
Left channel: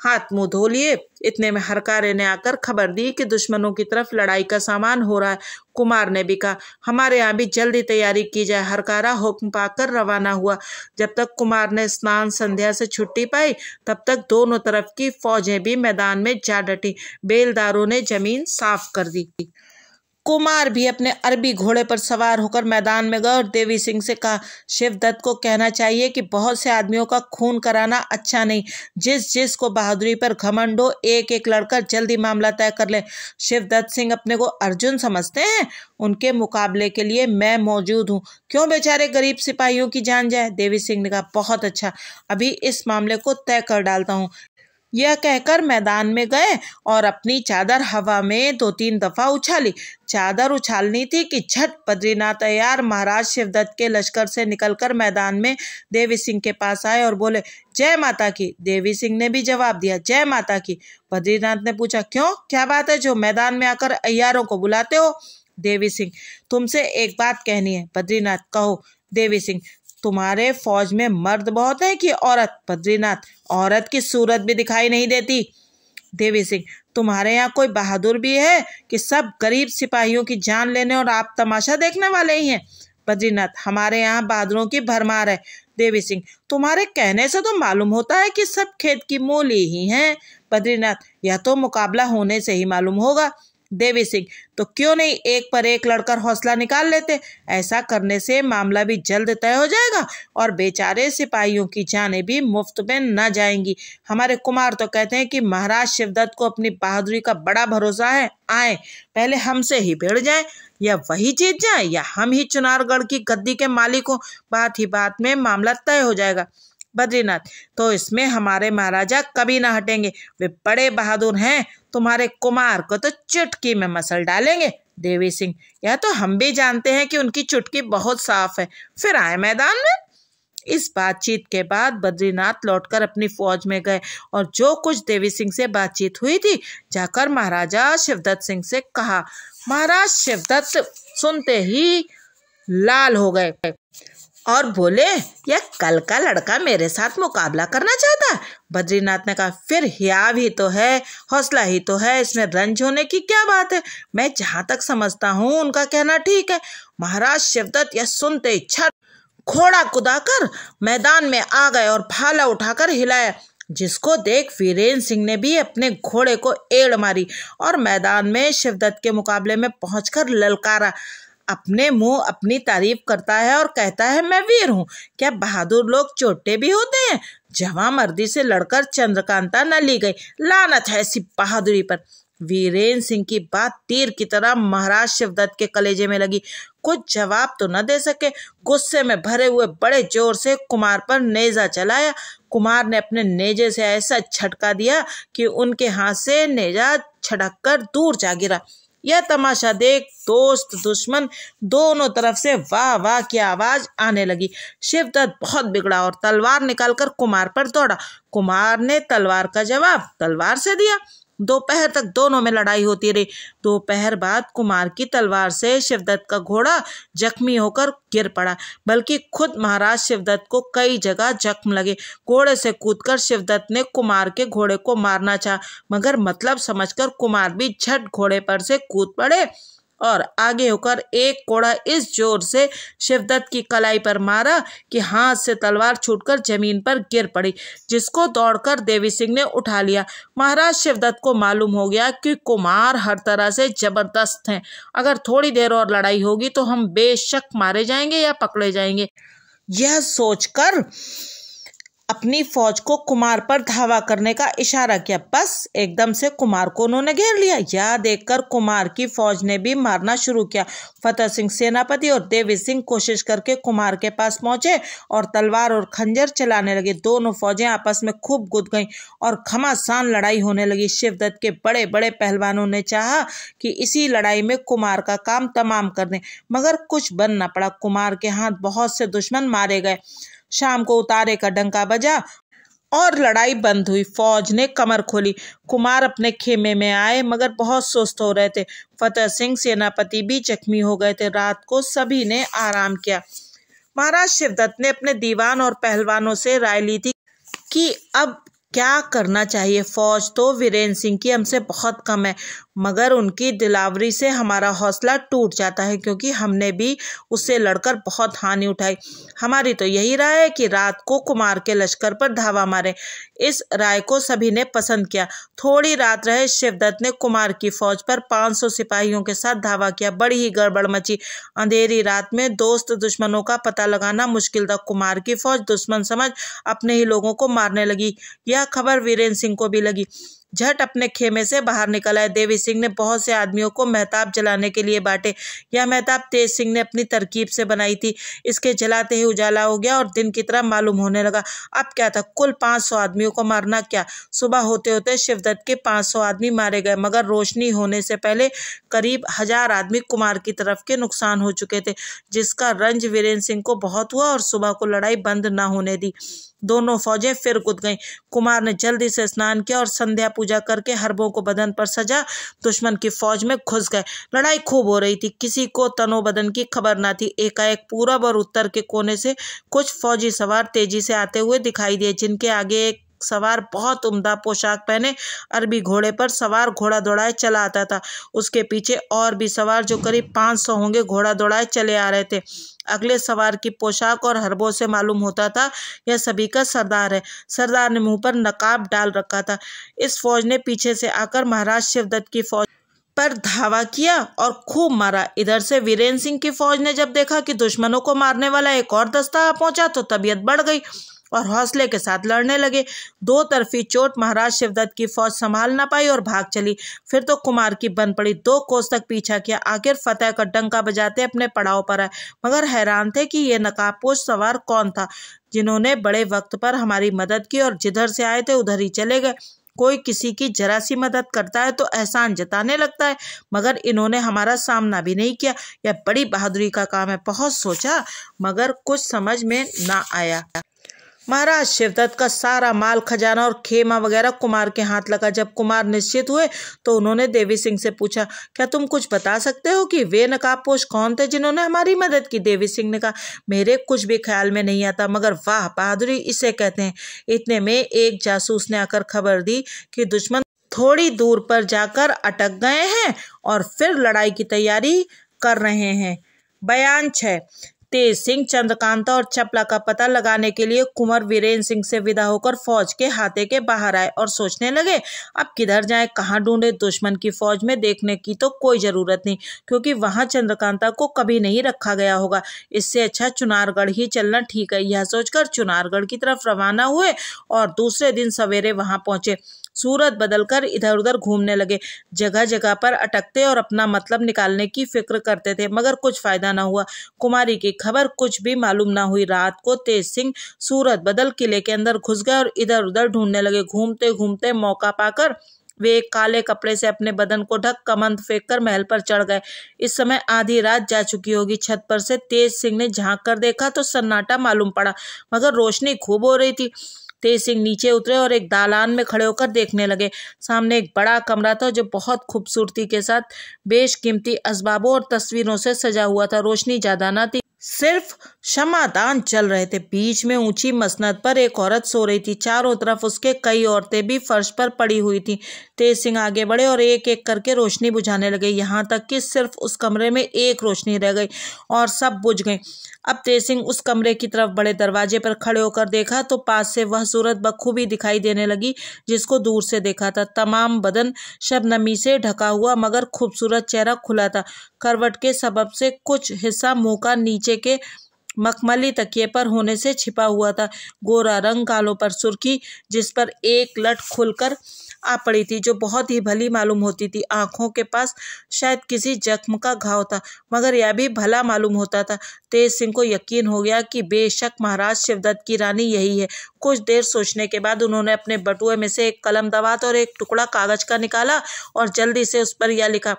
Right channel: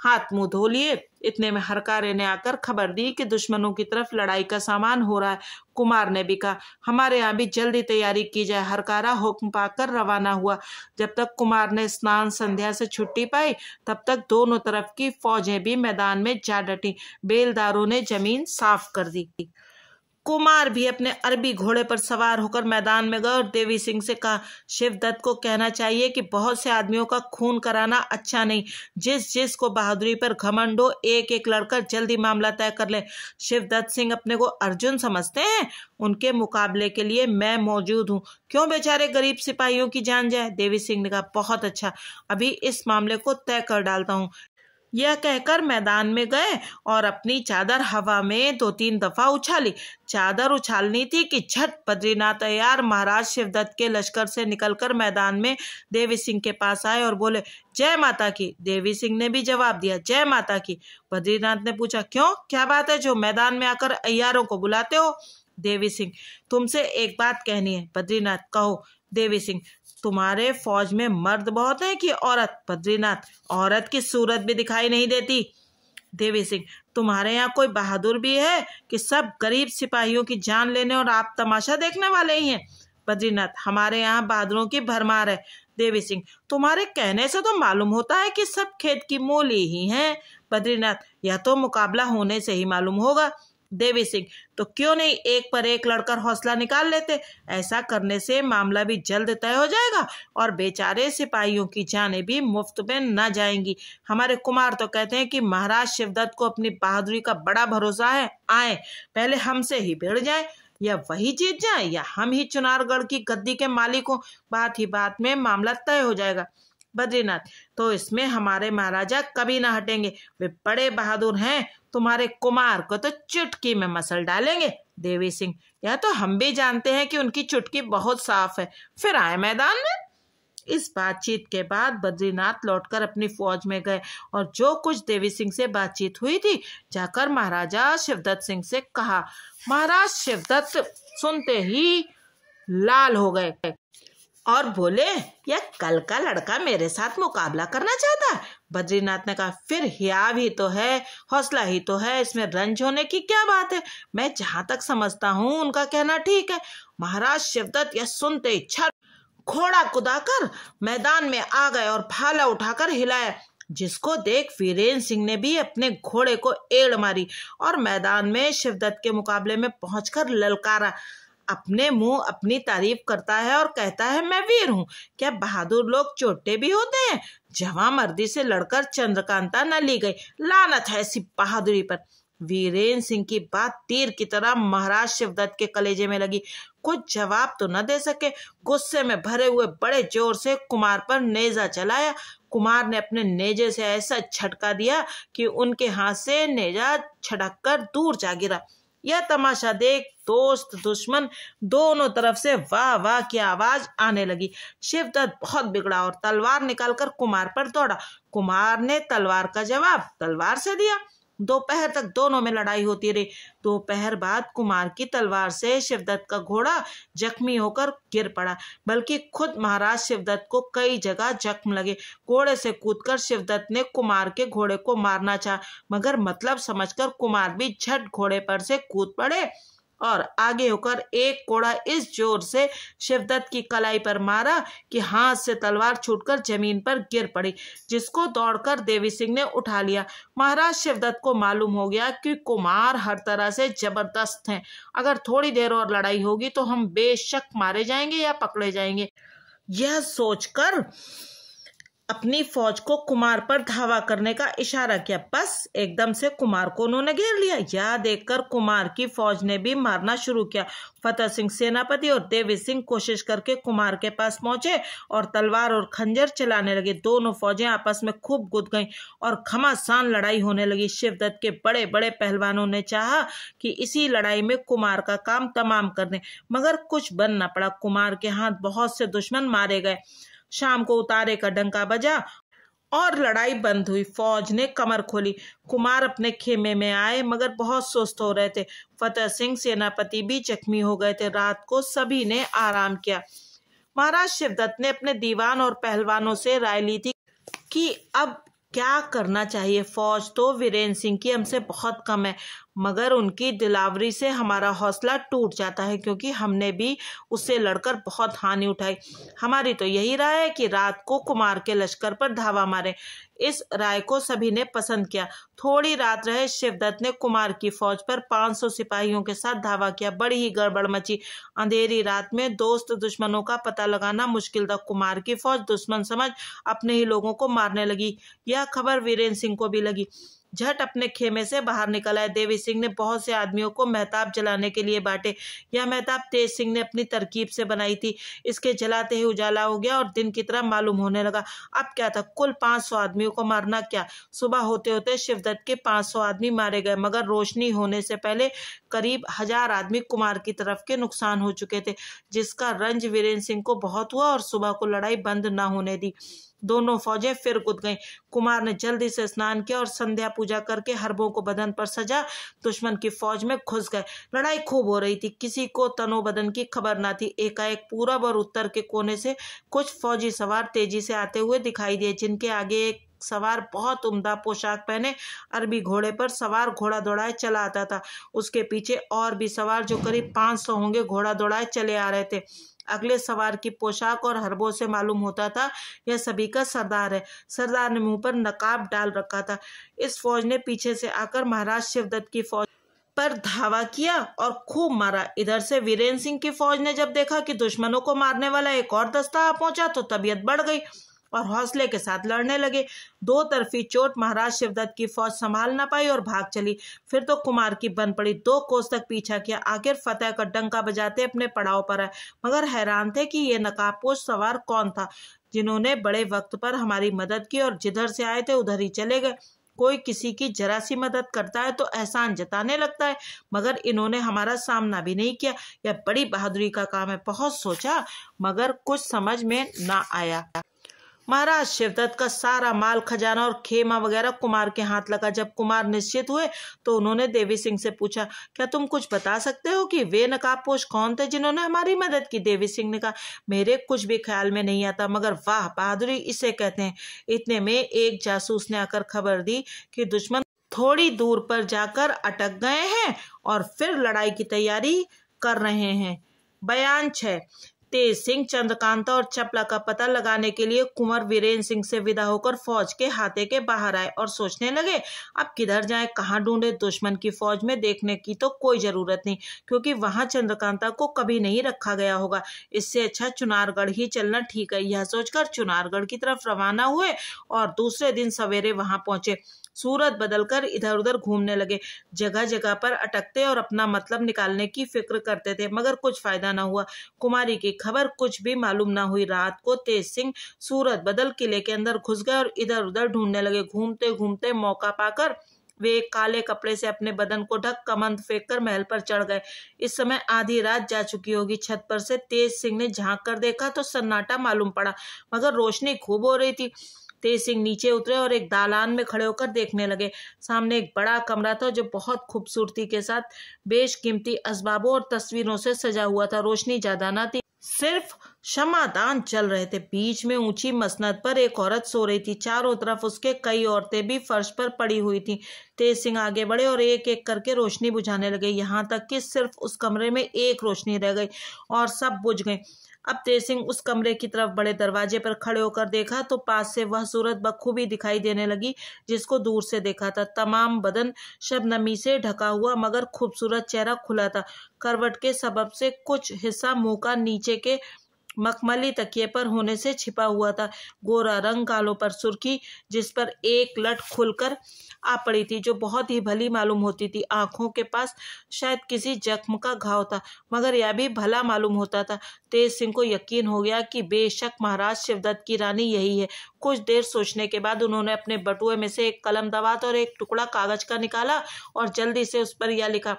हाथ मुंह धो लिए। इतने में हरकारे ने आकर खबर दी कि दुश्मनों की तरफ लड़ाई का सामान हो रहा है। कुमार ने भी कहा, हमारे यहाँ भी जल्दी तैयारी की जाए। हरकारा हुक्म पाकर रवाना हुआ। जब तक कुमार ने स्नान संध्या से छुट्टी पाई, तब तक दोनों तरफ की फौजें भी मैदान में जा डटी। बेलदारों ने जमीन साफ कर दी। कुमार भी अपने अरबी घोड़े पर सवार होकर मैदान में गए और देवी सिंह से कहा, शिवदत्त को कहना चाहिए कि बहुत से आदमियों का खून कराना अच्छा नहीं। जिस जिस को बहादुरी पर घमंड हो, एक एक लड़कर जल्दी मामला तय कर ले। शिवदत्त सिंह अपने को अर्जुन समझते हैं, उनके मुकाबले के लिए मैं मौजूद हूँ। क्यों बेचारे गरीब सिपाहियों की जान जाए? देवी सिंह ने कहा, बहुत अच्छा, अभी इस मामले को तय कर डालता हूँ। यह कहकर मैदान में गए और अपनी चादर हवा में 2-3 दफा उछाली। चादर उछालनी थी कि झट बद्रीनाथ तैयार महाराज शिवदत्त के लश्कर से निकलकर मैदान में देवी सिंह के पास आए और बोले, जय माता की। देवी सिंह ने भी जवाब दिया, जय माता की। बद्रीनाथ ने पूछा, क्यों, क्या बात है जो मैदान में आकर अय्यारों को बुलाते हो? देवी सिंह, तुमसे एक बात कहनी है। बद्रीनाथ, कहो। देवी सिंह, तुम्हारे फौज में मर्द बहुत है कि औरत? बद्रीनाथ, औरत की सूरत भी दिखाई नहीं देती। देवी सिंह, तुम्हारे यहाँ कोई बहादुर भी है कि सब गरीब सिपाहियों की जान लेने और आप तमाशा देखने वाले ही हैं? बद्रीनाथ, हमारे यहाँ बहादुरों की भरमार है। देवी सिंह, तुम्हारे कहने से तो मालूम होता है कि सब खेत की मूली ही हैं। बद्रीनाथ, यह तो मुकाबला होने से ही मालूम होगा। देवी सिंह, तो क्यों नहीं एक पर एक लड़कर हौसला निकाल लेते? ऐसा करने से मामला भी जल्द तय हो जाएगा और बेचारे सिपाहियों की जानें भी मुफ्त में न जाएंगी। हमारे कुमार तो कहते हैं कि महाराज शिवदत्त को अपनी बहादुरी का बड़ा भरोसा है। आए, पहले हमसे ही भिड़ जाए, या वही जीत जाए या हम ही चुनारगढ़ की गद्दी के मालिक हो। बात ही बात में मामला तय हो जाएगा। बद्रीनाथ, तो इसमें हमारे महाराजा कभी ना हटेंगे, वे बड़े बहादुर हैं, तुम्हारे कुमार को तो चुटकी में मसल डालेंगे। देवी सिंह, यह तो हम भी जानते हैं कि उनकी चुटकी बहुत साफ है। फिर आए मैदान में। इस बातचीत के बाद बद्रीनाथ लौटकर अपनी फौज में गए और जो कुछ देवी सिंह से बातचीत हुई थी जाकर महाराजा शिवदत्त सिंह से कहा। महाराज शिवदत्त सुनते ही लाल हो गए और बोले, यह कल का लड़का मेरे साथ मुकाबला करना चाहता है? बद्रीनाथ ने कहा, फिर हिया भी तो है, हौसला ही तो है, इसमें रंज होने की क्या बात है? मैं जहां तक समझता हूँ उनका कहना ठीक है। महाराज शिवदत्त यह सुनते ही छट घोड़ा कुदाकर मैदान में आ गए और भाला उठाकर हिलाया, जिसको देख वीरेंद्र सिंह ने भी अपने घोड़े को एड़ मारी और मैदान में शिवदत्त के मुकाबले में पहुंचकर ललकारा। अपने मुंह अपनी तारीफ करता है और कहता है, मैं वीर हूँ। क्या बहादुर लोग चोटे भी होते हैं? जवां मर्दी से लड़कर चंद्रकांता न ली गई, लानत है ऐसी बहादुरी पर। वीरेंद्र सिंह की बात तीर की तरह महाराज शिवदत्त के कलेजे में लगी। कुछ जवाब तो न दे सके। गुस्से में भरे हुए बड़े जोर से कुमार पर नेजा चलाया। कुमार ने अपने नेजे से ऐसा झटका दिया कि उनके हाथ से नेजा छटक कर दूर जा गिरा। यह तमाशा देख दोस्त दुश्मन दोनों तरफ से वाह वाह की आवाज आने लगी। शिवदत्त बहुत बिगड़ा और तलवार निकालकर कुमार पर दौड़ा। कुमार ने तलवार का जवाब तलवार से दिया। दोपहर तक दोनों में लड़ाई होती रही। दोपहर बाद कुमार की तलवार से शिवदत्त का घोड़ा जख्मी होकर गिर पड़ा, बल्कि खुद महाराज शिवदत्त को कई जगह जख्म लगे। घोड़े से कूदकर शिवदत्त ने कुमार के घोड़े को मारना चाहा, मगर मतलब समझकर कुमार भी झट घोड़े पर से कूद पड़े और आगे होकर एक कोड़ा इस जोर से शिवदत्त की कलाई पर मारा कि हाथ से तलवार छूटकर जमीन पर गिर पड़ी, जिसको दौड़कर देवी सिंह ने उठा लिया। महाराज शिवदत्त को मालूम हो गया कि कुमार हर तरह से जबरदस्त हैं। अगर थोड़ी देर और लड़ाई होगी तो हम बेशक मारे जाएंगे या पकड़े जाएंगे। यह सोचकर अपनी फौज को कुमार पर धावा करने का इशारा किया। बस एकदम से कुमार को उन्होंने घेर लिया। यह देखकर कुमार की फौज ने भी मारना शुरू किया। फतेह सिंह सेनापति और देवी सिंह कोशिश करके कुमार के पास पहुंचे और तलवार और खंजर चलाने लगे। दोनों फौजें आपस में खूब गुद गईं और घमासान लड़ाई होने लगी। शिवदत्त के बड़े बड़े पहलवानों ने चाहा कि इसी लड़ाई में कुमार का काम तमाम कर दें, मगर कुछ बन न पड़ा। कुमार के हाथ बहुत से दुश्मन मारे गए। शाम को उतारे का डंका बजा और लड़ाई बंद हुई। फौज ने कमर खोली। कुमार अपने खेमे में आए, मगर बहुत सुस्त हो रहे थे। फतेह सिंह सेनापति भी जख्मी हो गए थे। रात को सभी ने आराम किया। महाराज शिवदत्त ने अपने दीवान और पहलवानों से राय ली थी कि अब क्या करना चाहिए। फौज तो वीरेंद्र सिंह की हमसे बहुत कम है, मगर उनकी दिलावरी से हमारा हौसला टूट जाता है, क्योंकि हमने भी उससे लड़कर बहुत हानि उठाई। हमारी तो यही राय है कि रात को कुमार के लश्कर पर धावा मारें। इस राय को सभी ने पसंद किया। थोड़ी रात रहे शिवदत्त ने कुमार की फौज पर 500 सिपाहियों के साथ धावा किया। बड़ी ही गड़बड़ मची। अंधेरी रात में दोस्त दुश्मनों का पता लगाना मुश्किल था। कुमार की फौज दुश्मन समझ अपने ही लोगों को मारने लगी। यह खबर वीरेंद्र सिंह को भी लगी। झट अपने खेमे से बाहर निकल आए। देवी सिंह ने बहुत से आदमियों को महताब जलाने के लिए बांटे। यह महताब तेज सिंह ने अपनी तरकीब से बनाई थी। इसके जलाते ही उजाला हो गया और दिन की तरह मालूम होने लगा। अब क्या था, कुल 500 आदमियों को मारना क्या। सुबह होते होते शिवदत्त के 500 आदमी मारे गए, मगर रोशनी होने से पहले करीब 1000 आदमी कुमार की तरफ के नुकसान हो चुके थे, जिसका रंज वीरेंद्र सिंह को बहुत हुआ और सुबह को लड़ाई बंद न होने दी। दोनों फौजें फिर कूद गईं। कुमार ने जल्दी से स्नान किया और संध्या पूजा करके हरबों को बदन पर सजा दुश्मन की फौज में घुस गए। लड़ाई खूब हो रही थी, किसी को तनो बदन की खबर न थी। एकाएक पूरब और उत्तर के कोने से कुछ फौजी सवार तेजी से आते हुए दिखाई दिए, जिनके आगे एक सवार बहुत उम्दा पोशाक पहने अरबी घोड़े पर सवार घोड़ा दौड़ाए चला आता था। उसके पीछे और भी सवार जो करीब 500 होंगे घोड़ा दौड़ाए चले आ रहे थे। अगले सवार की पोशाक और हरबों से मालूम होता था यह सभी का सरदार है। सरदार ने मुंह पर नकाब डाल रखा था। इस फौज ने पीछे से आकर महाराज शिवदत्त की फौज पर धावा किया और खूब मारा। इधर से वीरेंद्र सिंह की फौज ने जब देखा कि दुश्मनों को मारने वाला एक और दस्ता आ पहुंचा तो तबीयत बढ़ गई और हौसले के साथ लड़ने लगे। दो तरफी चोट महाराज शिवदत्त की फौज संभाल न पाई और भाग चली। फिर तो कुमार की बन पड़ी। 2 कोस तक पीछा किया, आखिर फतेह का डंका बजाते अपने पड़ाव पर आए, मगर हैरान थे कि ये नकाबपोश सवार कौन था, जिन्होंने बड़े वक्त पर हमारी मदद की और जिधर से आए थे उधर ही चले गए। कोई किसी की जरा सी मदद करता है तो एहसान जताने लगता है, मगर इन्होंने हमारा सामना भी नहीं किया। यह बड़ी बहादुरी का काम है। बहुत सोचा मगर कुछ समझ में ना आया। महाराज शिवदत्त का सारा माल खजाना और खेमा वगैरह कुमार के हाथ लगा। जब कुमार निश्चित हुए तो उन्होंने देवी सिंह से पूछा, क्या तुम कुछ बता सकते हो कि वे नकाबपोश कौन थे जिन्होंने हमारी मदद की। देवी सिंह ने कहा, मेरे कुछ भी ख्याल में नहीं आता, मगर वाह बहादुरी इसे कहते हैं। इतने में एक जासूस ने आकर खबर दी कि दुश्मन थोड़ी दूर पर जाकर अटक गए हैं और फिर लड़ाई की तैयारी कर रहे हैं। बयान 6। तेज सिंह चंद्रकांता और चपला का पता लगाने के लिए कुंवर वीरेंद्र सिंह से विदा होकर फौज के हाथे के बाहर आए और सोचने लगे अब किधर जाएं, कहाँ ढूंढे। दुश्मन की फौज में देखने की तो कोई जरूरत नहीं, क्योंकि वहां चंद्रकांता को कभी नहीं रखा गया होगा। इससे अच्छा चुनारगढ़ ही चलना ठीक है। यह सोचकर चुनारगढ़ की तरफ रवाना हुए और दूसरे दिन सवेरे वहां पहुंचे। सूरत बदलकर इधर उधर घूमने लगे, जगह जगह पर अटकते और अपना मतलब निकालने की फिक्र करते थे, मगर कुछ फायदा न हुआ। कुमारी की खबर कुछ भी मालूम न हुई। रात को तेज सिंह सूरत बदल किले के अंदर घुस गए और इधर उधर ढूंढने लगे। घूमते घूमते मौका पाकर वे एक काले कपड़े से अपने बदन को ढक कमंद फेंक कर महल पर चढ़ गए। इस समय आधी रात जा चुकी होगी। छत पर से तेज सिंह ने झांक कर देखा तो सन्नाटा मालूम पड़ा, मगर रोशनी खूब हो रही थी। तेज सिंह नीचे उतरे और एक दालान में खड़े होकर देखने लगे। सामने एक बड़ा कमरा था जो बहुत खूबसूरती के साथ बेशकीमती असबाबों और तस्वीरों से सजा हुआ था। रोशनी ज्यादा न थी, सिर्फ शमादान चल रहे थे। बीच में ऊंची मसनद पर एक औरत सो रही थी। चारों तरफ उसके कई औरतें भी फर्श पर पड़ी हुई थी। तेज सिंह आगे बढ़े और एक एक करके रोशनी बुझाने लगे, यहाँ तक कि सिर्फ उस कमरे में एक रोशनी रह गई और सब बुझ गई। अब तेज सिंह उस कमरे की तरफ बड़े दरवाजे पर खड़े होकर देखा तो पास से वह सूरत बखूबी दिखाई देने लगी जिसको दूर से देखा था। तमाम बदन शबनमी से ढका हुआ मगर खूबसूरत चेहरा खुला था। करवट के सबब से कुछ हिस्सा मुंह का नीचे के मखमली तकिए पर होने से छिपा हुआ था। गोरा रंग, गालों पर सुर्खी, जिस पर एक लट खुलकर आ पड़ी थी जो बहुत ही भली मालूम होती थी। आंखों के पास शायद किसी जख्म का घाव था, मगर यह भी भला मालूम होता था। तेज सिंह को यकीन हो गया कि बेशक महाराज शिवदत्त की रानी यही है। कुछ देर सोचने के बाद उन्होंने अपने बटुए में से एक कलम दवात और एक टुकड़ा कागज का निकाला और जल्दी से उस पर यह लिखा,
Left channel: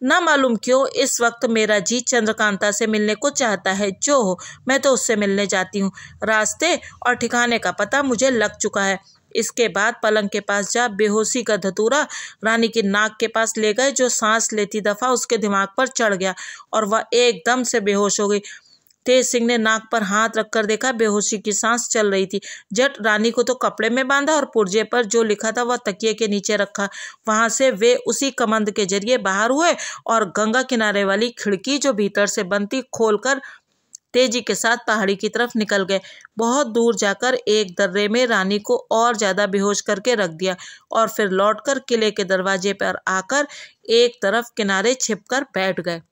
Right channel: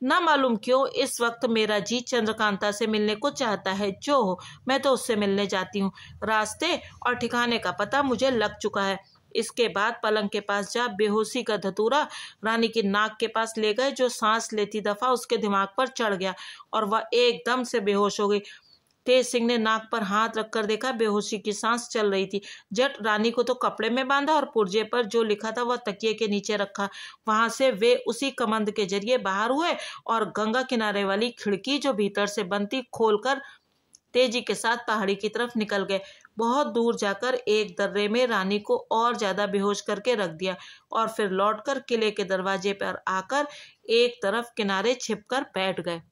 न मालूम क्यों इस वक्त मेरा जी चंद्रकांता से मिलने को चाहता है। जो हो, मैं तो उससे मिलने जाती हूँ। रास्ते और ठिकाने का पता मुझे लग चुका है। इसके बाद पलंग के पास जा बेहोशी का धतूरा रानी की नाक के पास ले गए, जो सांस लेती दफा उसके दिमाग पर चढ़ गया और वह एकदम से बेहोश हो गई। तेज सिंह ने नाक पर हाथ रखकर देखा, बेहोशी की सांस चल रही थी। जट रानी को तो कपड़े में बांधा और पुर्जे पर जो लिखा था वह तकिए के नीचे रखा। वहां से वे उसी कमंद के जरिए बाहर हुए और गंगा किनारे वाली खिड़की जो भीतर से बंद थी खोलकर तेजी के साथ पहाड़ी की तरफ निकल गए। बहुत दूर जाकर एक दर्रे में रानी को और ज्यादा बेहोश करके रख दिया और फिर लौटकर किले के दरवाजे पर आकर एक तरफ किनारे छिपकर बैठ गए।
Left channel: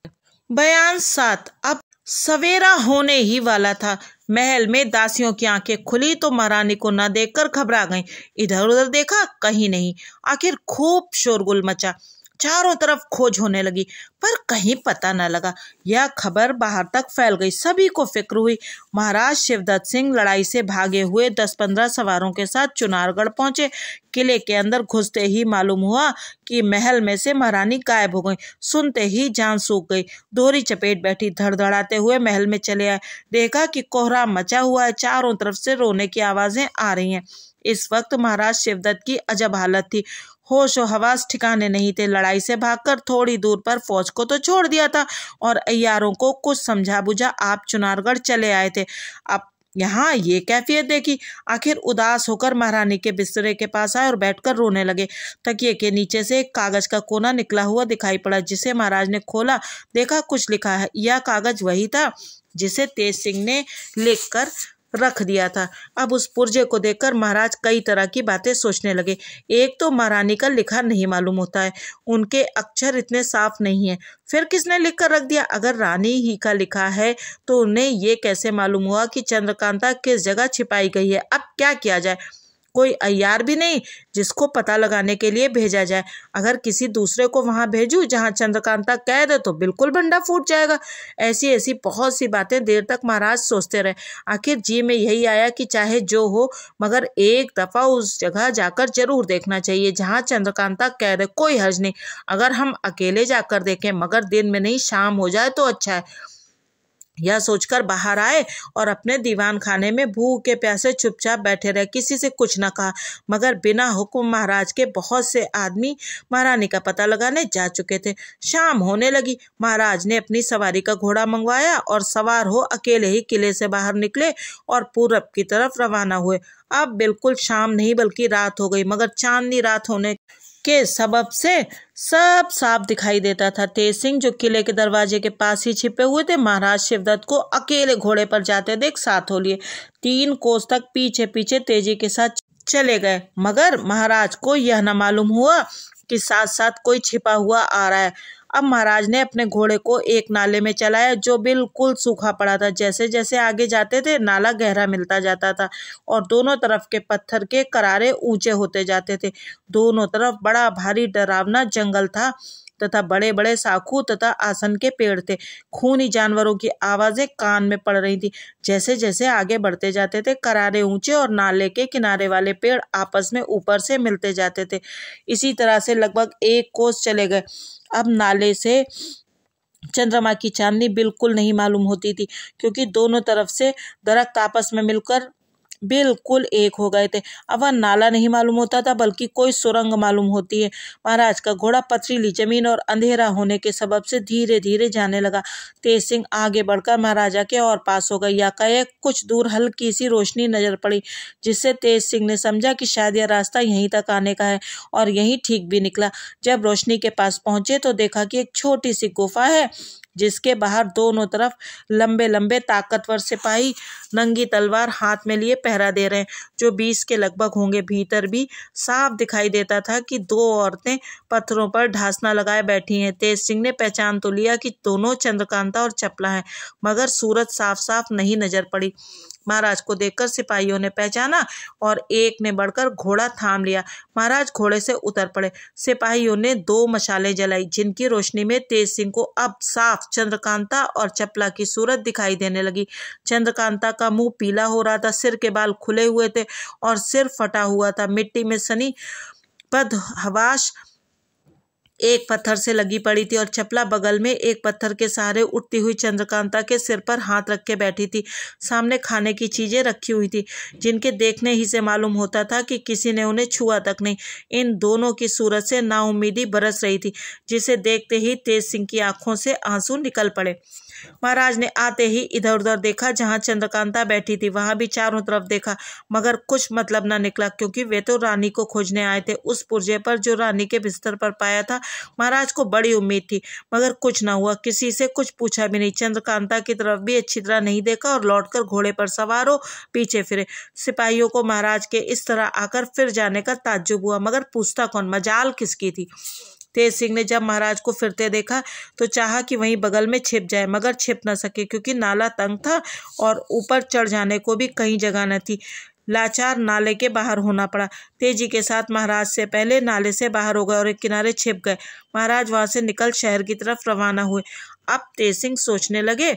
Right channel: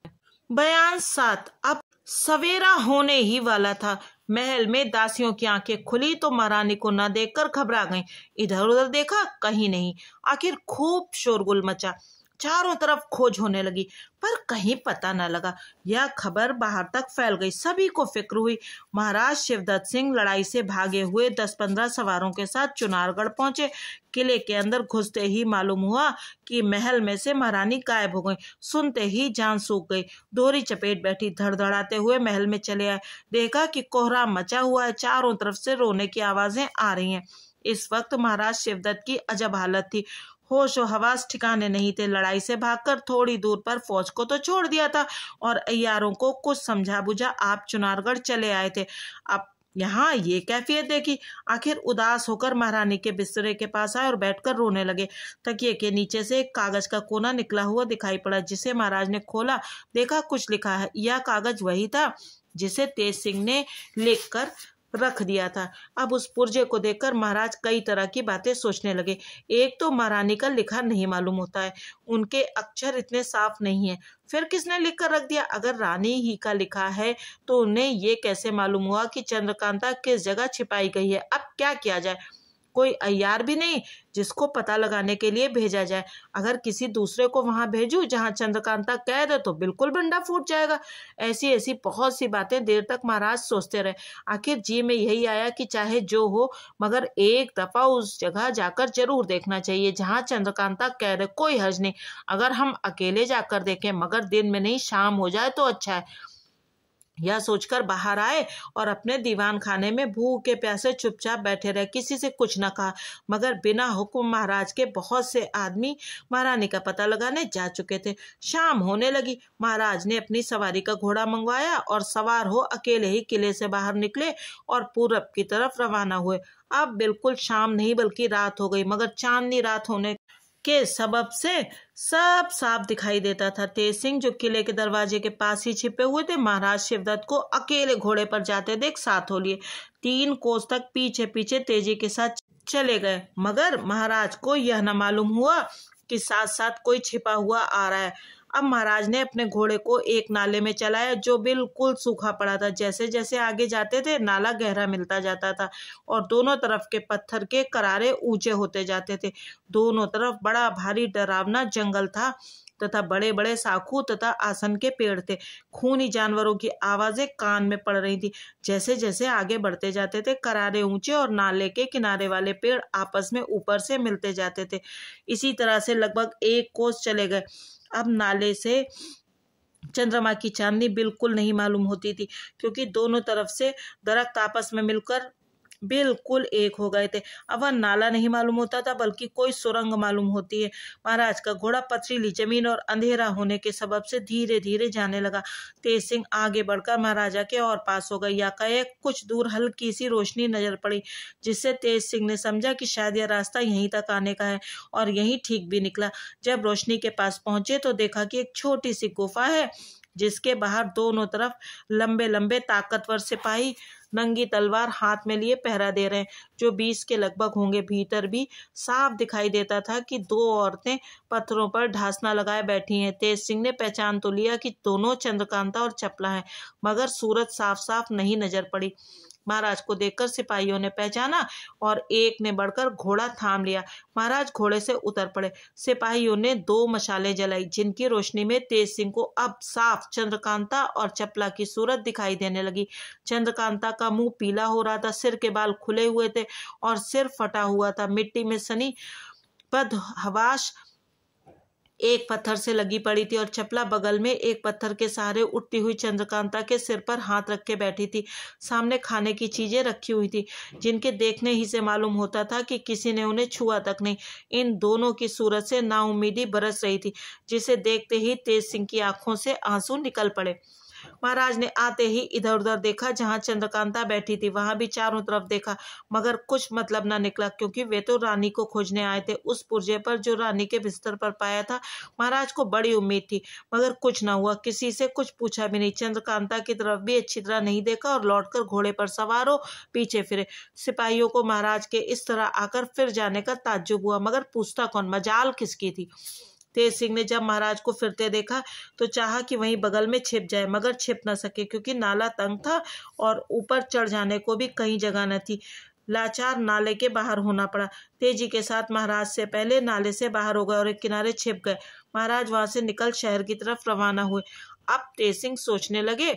बयान 7। अब सवेरा होने ही वाला था। महल में दासियों की आंखें खुली तो महारानी को न देखकर घबरा गईं। इधर उधर देखा, कहीं नहीं। आखिर खूब शोरगुल मचा, चारों तरफ खोज होने लगी, पर कहीं पता न लगा। यह खबर बाहर तक फैल गई, सभी को फिक्र हुई। महाराज शिवदत्त सिंह लड़ाई से भागे हुए 10-15 सवारों के साथ चुनारगढ़ पहुंचे। किले के अंदर घुसते ही मालूम हुआ कि महल में से महारानी गायब हो गई। सुनते ही जान सूख गई, दोहरी चपेट बैठी। धड़धड़ाते हुए महल में चले आए, देखा कि कोहराम मचा हुआ है, चारों तरफ से रोने की आवाजें आ रही हैं। इस वक्त महाराज शिवदत्त की अजब हालत थी, होश और हवास ठिकाने नहीं थे। लड़ाई से भागकर थोड़ी दूर पर फौज को तो छोड़ दिया था और अय्यारों को कुछ समझा बुझा आप चुनारगढ़ चले आए थे। अब यहाँ ये कैफियत देखी। आखिर उदास होकर महारानी के बिस्तरे के पास आए और बैठकर रोने लगे। तकिए के नीचे से एक कागज का कोना निकला हुआ दिखाई पड़ा, जिसे महाराज ने खोला। देखा कुछ लिखा है। यह कागज वही था जिसे तेज सिंह ने लिखकर रख दिया था। अब उस पुर्जे को देखकर महाराज कई तरह की बातें सोचने लगे। एक तो महारानी का लिखा नहीं मालूम होता है, उनके अक्षर इतने साफ नहीं है। फिर किसने लिख कर रख दिया? अगर रानी ही का लिखा है तो उन्हें ये कैसे मालूम हुआ कि चंद्रकांता किस जगह छिपाई गई है? अब क्या किया जाए? कोई अय्यार भी नहीं जिसको पता लगाने के लिए भेजा जाए। अगर किसी दूसरे को वहां भेजूं जहां चंद्रकांता कैद है तो बिल्कुल भंडा फूट जाएगा। ऐसी ऐसी बहुत सी बातें देर तक महाराज सोचते रहे। आखिर जी में यही आया कि चाहे जो हो, मगर एक दफा उस जगह जाकर जरूर देखना चाहिए जहां चंद्रकांता कैद है। कोई हर्ज नहीं अगर हम अकेले जाकर देखें, मगर दिन में नहीं, शाम हो जाए तो अच्छा है। यह सोचकर बाहर आए और अपने दीवान खाने में भूखे प्यासे चुपचाप बैठे रहे। किसी से कुछ न कहा, मगर बिना हुक्म महाराज के बहुत से आदमी महारानी का पता लगाने जा चुके थे। शाम होने लगी। महाराज ने अपनी सवारी का घोड़ा मंगवाया और सवार हो अकेले ही किले से बाहर निकले और पूरब की तरफ रवाना हुए। अब बिल्कुल शाम नहीं बल्कि रात हो गई, मगर चांदनी रात होने के सबब से सब साफ दिखाई देता था। तेज सिंह जो किले के दरवाजे के पास ही छिपे हुए थे, महाराज शिवदत्त को अकेले घोड़े पर जाते देख साथ हो लिए 3 कोस तक पीछे पीछे तेजी के साथ चले गए। मगर महाराज को यह न मालूम हुआ कि साथ साथ कोई छिपा हुआ आ रहा है। अब महाराज ने अपने घोड़े को एक नाले में चलाया जो बिल्कुल सूखा पड़ा था। जैसे जैसे आगे जाते थे नाला गहरा मिलता जाता था और दोनों तरफ के पत्थर के करारे ऊंचे होते जाते थे। दोनों तरफ बड़ा भारी डरावना जंगल था तथा बड़े बड़े साखू तथा आसन के पेड़ थे। खूनी जानवरों की आवाजें कान में पड़ रही थी। जैसे जैसे आगे बढ़ते जाते थे करारे ऊंचे और नाले के किनारे वाले पेड़ आपस में ऊपर से मिलते जाते थे। इसी तरह से लगभग 1 कोस चले गए। अब नाले से चंद्रमा की चांदनी बिल्कुल नहीं मालूम होती थी, क्योंकि दोनों तरफ से दरख्त आपस में मिलकर बिल्कुल एक हो गए थे। अब वह नाला नहीं मालूम होता था बल्कि कोई सुरंग मालूम होती है। महाराज का घोड़ा पथरीली जमीन और अंधेरा होने के सबब से धीरे धीरे जाने लगा। तेज सिंह आगे बढ़कर महाराजा के और पास हो गए। या कहे कुछ दूर हल्की सी रोशनी नजर पड़ी, जिससे तेज सिंह ने समझा कि शायद यह रास्ता यहीं तक आने का है, और यहीं ठीक भी निकला। जब रोशनी के पास पहुंचे तो देखा कि एक छोटी सी गुफा है, जिसके बाहर दोनों तरफ लंबे लंबे ताकतवर सिपाही नंगी तलवार हाथ में लिए पहरा दे रहे हैं, जो 20 के लगभग होंगे। भीतर भी साफ दिखाई देता था कि 2 औरतें पत्थरों पर ढासना लगाए बैठी हैं। तेज सिंह ने पहचान तो लिया कि दोनों चंद्रकांता और चपला हैं, मगर सूरत साफ साफ नहीं नजर पड़ी। महाराज को देखकर सिपाहियों ने पहचाना और एक ने बढ़कर घोड़ा थाम लिया। महाराज घोड़े से उतर पड़े। सिपाहियों ने 2 मशालें जलाई, जिनकी रोशनी में तेज सिंह को अब साफ चंद्रकांता और चपला की सूरत दिखाई देने लगी। चंद्रकांता का मुंह पीला हो रहा था, सिर के बाल खुले हुए थे और सिर फटा हुआ था। मिट्टी में सनी बदहवास एक पत्थर से लगी पड़ी थी और चपला बगल में एक पत्थर के सहारे उठती हुई चंद्रकांता के सिर पर हाथ रख के बैठी थी। सामने खाने की चीजें रखी हुई थी, जिनके देखने ही से मालूम होता था कि किसी ने उन्हें छुआ तक नहीं। इन दोनों की सूरत से नाउम्मीदी बरस रही थी, जिसे देखते ही तेज सिंह की आंखों से आंसू निकल पड़े। महाराज ने आते ही इधर उधर देखा, जहां चंद्रकांता बैठी थी वहां भी चारों तरफ देखा, मगर कुछ मतलब न निकला, क्योंकि वे तो रानी को खोजने आए थे। उस पुर्जे पर जो रानी के बिस्तर पर पाया था, महाराज को बड़ी उम्मीद थी, मगर कुछ न हुआ। किसी से कुछ पूछा भी नहीं, चंद्रकांता की तरफ भी अच्छी तरह नहीं देखा और लौटकर घोड़े पर सवार हो पीछे फिरे। सिपाहियों को महाराज के इस तरह आकर फिर जाने का ताज्जुब हुआ, मगर पूछता कौन, मजाल किसकी थी। तेज सिंह ने जब महाराज को फिरते देखा तो चाहा कि वहीं बगल में छिप जाए, मगर छिप न सके क्योंकि नाला तंग था और ऊपर चढ़ जाने को भी कहीं जगह न थी। लाचार नाले के बाहर होना पड़ा। तेजी के साथ महाराज से पहले नाले से बाहर हो गए और एक किनारे छिप गए। महाराज वहां से निकल शहर की तरफ रवाना हुए। अब तेज सिंह सोचने लगे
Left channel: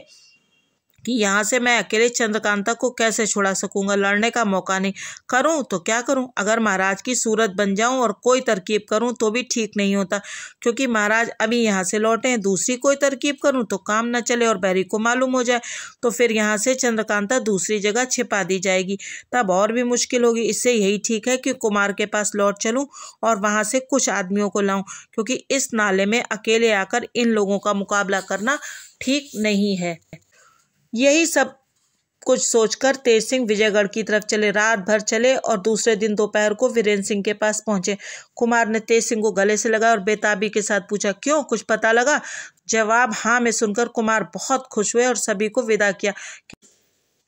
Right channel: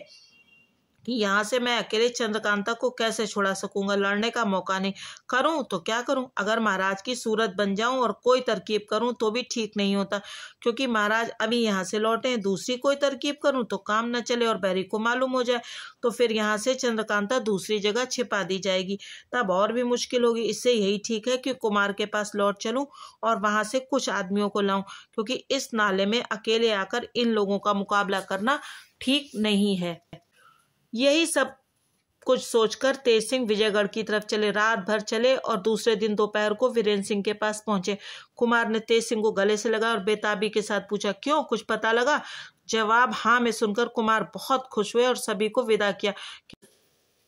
कि यहाँ से मैं अकेले चंद्रकांता को कैसे छुड़ा सकूंगा। लड़ने का मौका नहीं, करूं तो क्या करूं। अगर महाराज की सूरत बन जाऊं और कोई तरकीब करूं तो भी ठीक नहीं होता, क्योंकि महाराज अभी यहाँ से लौटे हैं। दूसरी कोई तरकीब करूं तो काम न चले और बैरी को मालूम हो जाए तो फिर यहाँ से चंद्रकांता दूसरी जगह छिपा दी जाएगी, तब और भी मुश्किल होगी। इससे यही ठीक है कि कुमार के पास लौट चलूं और वहां से कुछ आदमियों को लाऊं, क्योंकि इस नाले में अकेले आकर इन लोगों का मुकाबला करना ठीक नहीं है। यही सब कुछ सोचकर तेज सिंह विजयगढ़ की तरफ चले। रात भर चले और दूसरे दिन दोपहर को वीरेंद्र सिंह के पास पहुंचे। कुमार ने तेज सिंह को गले से लगाया और बेताबी के साथ पूछा, क्यों, कुछ पता लगा? जवाब हाँ में सुनकर कुमार बहुत खुश हुए और सभी को विदा किया।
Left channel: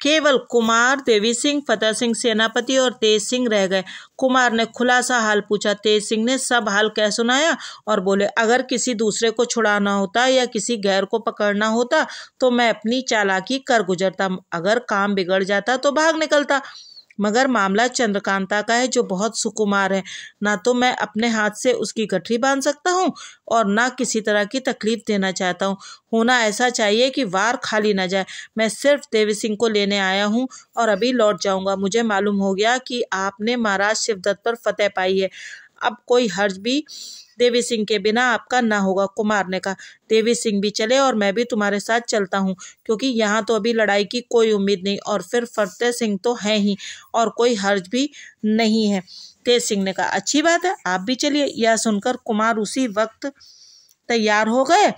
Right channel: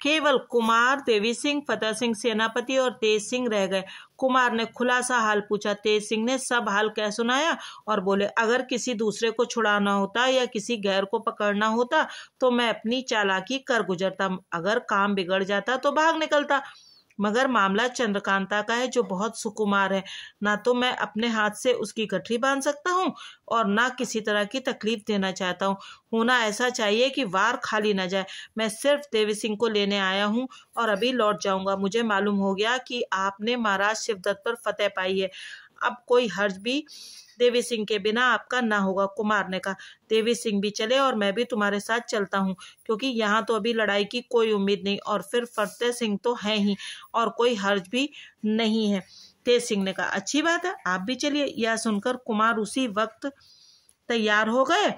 केवल कुमार, देवी सिंह, फतेह सिंह सेनापति और तेज सिंह रह गए। कुमार ने खुलासा हाल पूछा। तेज सिंह ने सब हाल कह सुनाया और बोले, अगर किसी दूसरे को छुड़ाना होता या किसी गैर को पकड़ना होता तो मैं अपनी चालाकी कर गुजरता, अगर काम बिगड़ जाता तो भाग निकलता, मगर मामला चंद्रकांता का है जो बहुत सुकुमार है। ना तो मैं अपने हाथ से उसकी गठरी बांध सकता हूँ और ना किसी तरह की तकलीफ देना चाहता हूँ। होना ऐसा चाहिए कि वार खाली न जाए। मैं सिर्फ देवी सिंह को लेने आया हूँ और अभी लौट जाऊंगा। मुझे मालूम हो गया कि आपने महाराज शिवदत्त पर फतेह पाई है। अब कोई हर्ज भी देवी सिंह के बिना आपका ना होगा। कुमार ने कहा, देवी सिंह भी चले और मैं भी तुम्हारे साथ चलता हूँ, क्योंकि यहाँ तो अभी लड़ाई की कोई उम्मीद नहीं और फिर फतेह सिंह तो है ही और कोई हर्ज भी नहीं है। तेज सिंह ने कहा, अच्छी बात है, आप भी चलिए। यह सुनकर कुमार उसी वक्त तैयार हो गए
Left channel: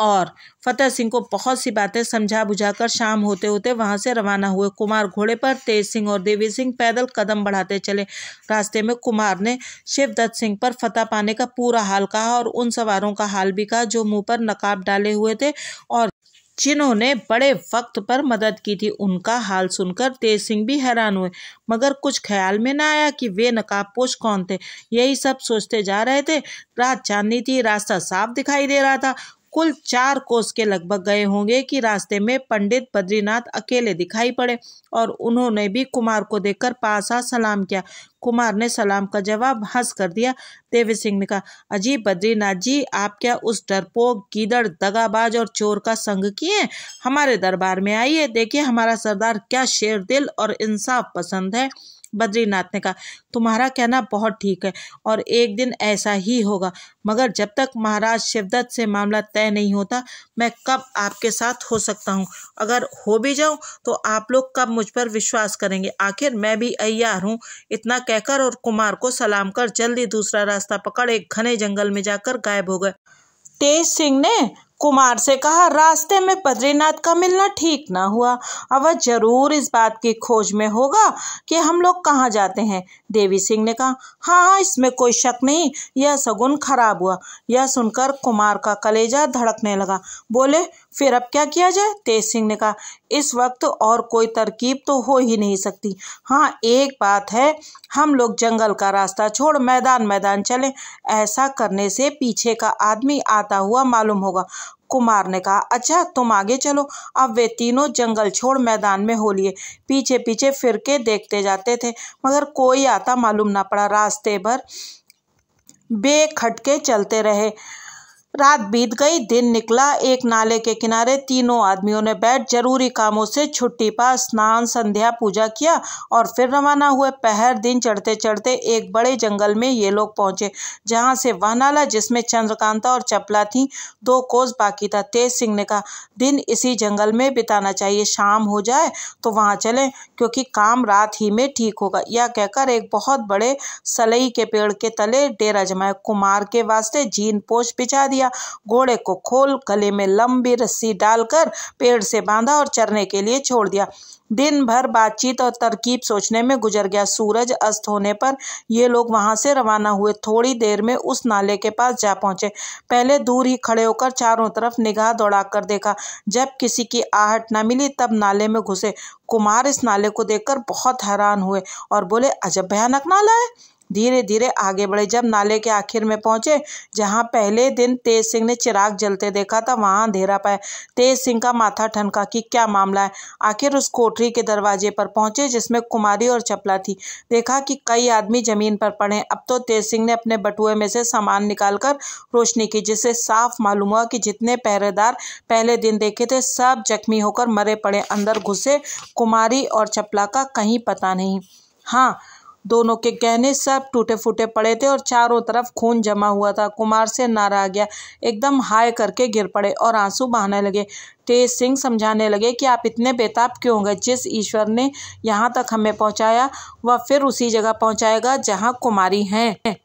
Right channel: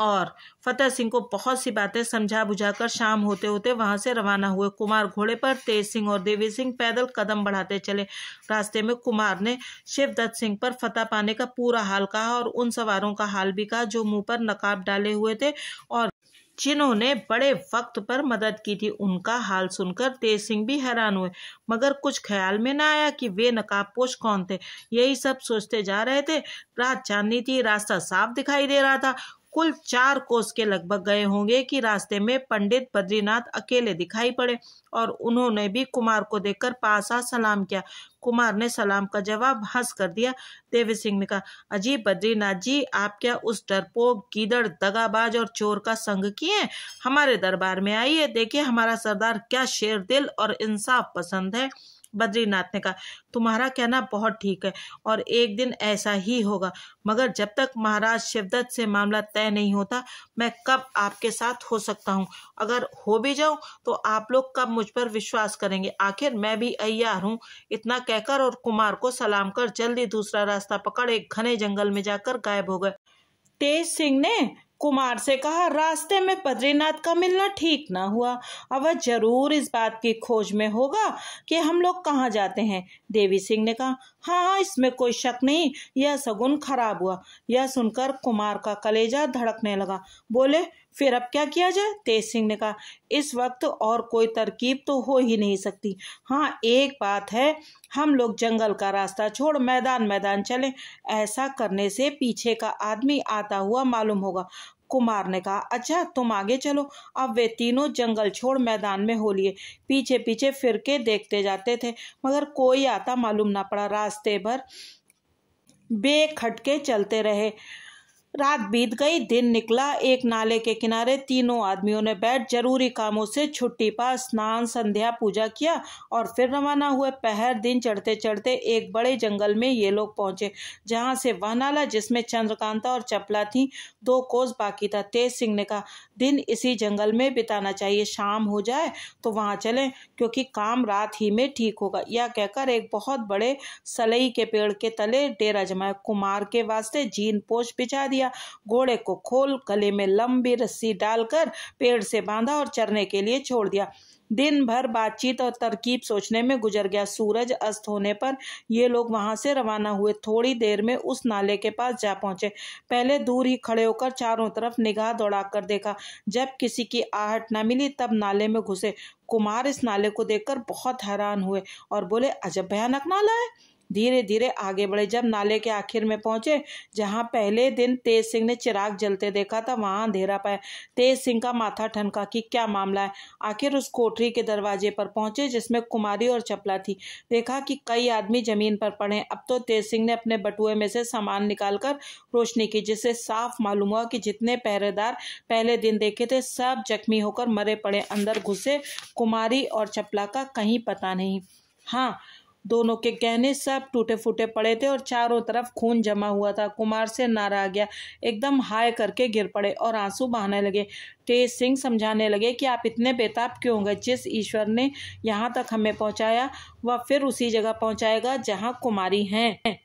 और फतेह सिंह को बहुत सी बातें समझा बुझाकर शाम होते होते वहां से रवाना हुए। कुमार घोड़े पर, तेज सिंह और देवी सिंह पैदल कदम बढ़ाते चले। रास्ते में कुमार ने शिवदत्त सिंह पर फतह पाने का पूरा हाल कहा और उन सवारों का हाल भी कहा जो मुंह पर नकाब डाले हुए थे और जिन्होंने बड़े वक्त पर मदद की थी। उनका हाल सुनकर तेज सिंह भी हैरान हुए, मगर कुछ ख्याल में न आया कि वे नकाबपोश कौन थे। यही सब सोचते जा रहे थे। रात चांदनी थी, रास्ता साफ दिखाई दे रहा था। कुल 4 कोस के लगभग गए होंगे कि रास्ते में पंडित बद्रीनाथ अकेले दिखाई पड़े और उन्होंने भी कुमार को देखकर पास आ सलाम किया। कुमार ने सलाम का जवाब हंस कर दिया। देवी सिंह ने कहा, अजीब बद्रीनाथ जी, आप क्या उस डरपोक, गीदड़, दगाबाज और चोर का संग किए? हमारे दरबार में आइए, देखिए हमारा सरदार क्या शेर दिल और इंसाफ पसंद है। बद्रीनाथ ने कहा, तुम्हारा कहना बहुत ठीक है और एक दिन ऐसा ही होगा, मगर जब तक महाराज शिवदत्त से मामला तय नहीं होता मैं कब आपके साथ हो सकता हूँ? अगर हो भी जाऊं तो आप लोग कब मुझ पर विश्वास करेंगे? आखिर मैं भी अय्यार हूँ। इतना कहकर और कुमार को सलाम कर जल्दी दूसरा रास्ता पकड़ एक घने जंगल में जाकर गायब हो गए। तेज सिंह ने कुमार से कहा, रास्ते में बद्रीनाथ का मिलना ठीक ना हुआ। अब वह जरूर इस बात की खोज में होगा कि हम लोग कहाँ जाते हैं। देवी सिंह ने कहा, हाँ, इसमें कोई शक नहीं, यह शगुन खराब हुआ। यह सुनकर कुमार का कलेजा धड़कने लगा। बोले, फिर अब क्या किया जाए? तेज सिंह ने कहा, इस वक्त और कोई तरकीब तो हो ही नहीं सकती। हाँ, एक बात है, हम लोग जंगल का रास्ता छोड़ मैदान मैदान चलें। ऐसा करने से पीछे का आदमी आता हुआ मालूम होगा। कुमार ने कहा, अच्छा तुम आगे चलो। अब वे तीनों जंगल छोड़ मैदान में हो लिए। पीछे पीछे फिर के देखते जाते थे, मगर कोई आता मालूम ना पड़ा। रास्ते भर बेखटके चलते रहे। रात बीत गई, दिन निकला। एक नाले के किनारे तीनों आदमियों ने बैठ जरूरी कामों से छुट्टी पा स्नान, संध्या, पूजा किया और फिर रवाना हुए। पहर दिन चढ़ते चढ़ते एक बड़े जंगल में ये लोग पहुंचे, जहां से वह नाला जिसमें चंद्रकांता और चपला थी 2 कोस बाकी था। तेज सिंह ने कहा, दिन इसी जंगल में बिताना चाहिए, शाम हो जाए तो वहां चलें, क्योंकि काम रात ही में ठीक होगा। यह कहकर एक बहुत बड़े सलई के पेड़ के तले डेरा जमाया। कुमार के वास्ते जीन पोश बिछा दिया। घोड़े को खोल गले में लंबी रस्सी डालकर पेड़ से बांधा और चरने के लिए छोड़ दिया। दिन भर बातचीत और तरकीब सोचने में गुजर गया। सूरज अस्त होने पर ये लोग वहां से रवाना हुए। थोड़ी देर में उस नाले के पास जा पहुंचे। पहले दूर ही खड़े होकर चारों तरफ निगाह दौड़ाकर देखा। जब किसी की आहट न मिली तब नाले में घुसे। कुमार इस नाले को देखकर बहुत हैरान हुए और बोले, अजब भयानक नाला है। धीरे धीरे आगे बढ़े। जब नाले के आखिर में पहुंचे, जहां पहले दिन तेज सिंह ने चिराग जलते देखा था, वहां अंधेरा पाया। तेज सिंह का माथा ठनका कि क्या मामला है। आखिर उस कोठरी के दरवाजे पर पहुंचे जिसमें कुमारी और चपला थी। देखा कि कई आदमी जमीन पर पड़े। अब तो तेज सिंह ने अपने बटुए में से सामान निकालकर रोशनी की, जिससे साफ मालूम हुआ कि जितने पहरेदार पहले दिन देखे थे सब जख्मी होकर मरे पड़े। अंदर घुसे कुमारी और चपला का कहीं पता नहीं। हाँ, दोनों के गहने सब टूटे फूटे पड़े थे और चारों तरफ खून जमा हुआ था। कुमार से ना रहा गया, एकदम हाय करके गिर पड़े और आंसू बहाने लगे। तेज सिंह समझाने लगे कि आप इतने बेताब क्यों हो गए। जिस ईश्वर ने यहाँ तक हमें पहुँचाया वह फिर उसी जगह पहुँचाएगा जहाँ कुमारी हैं।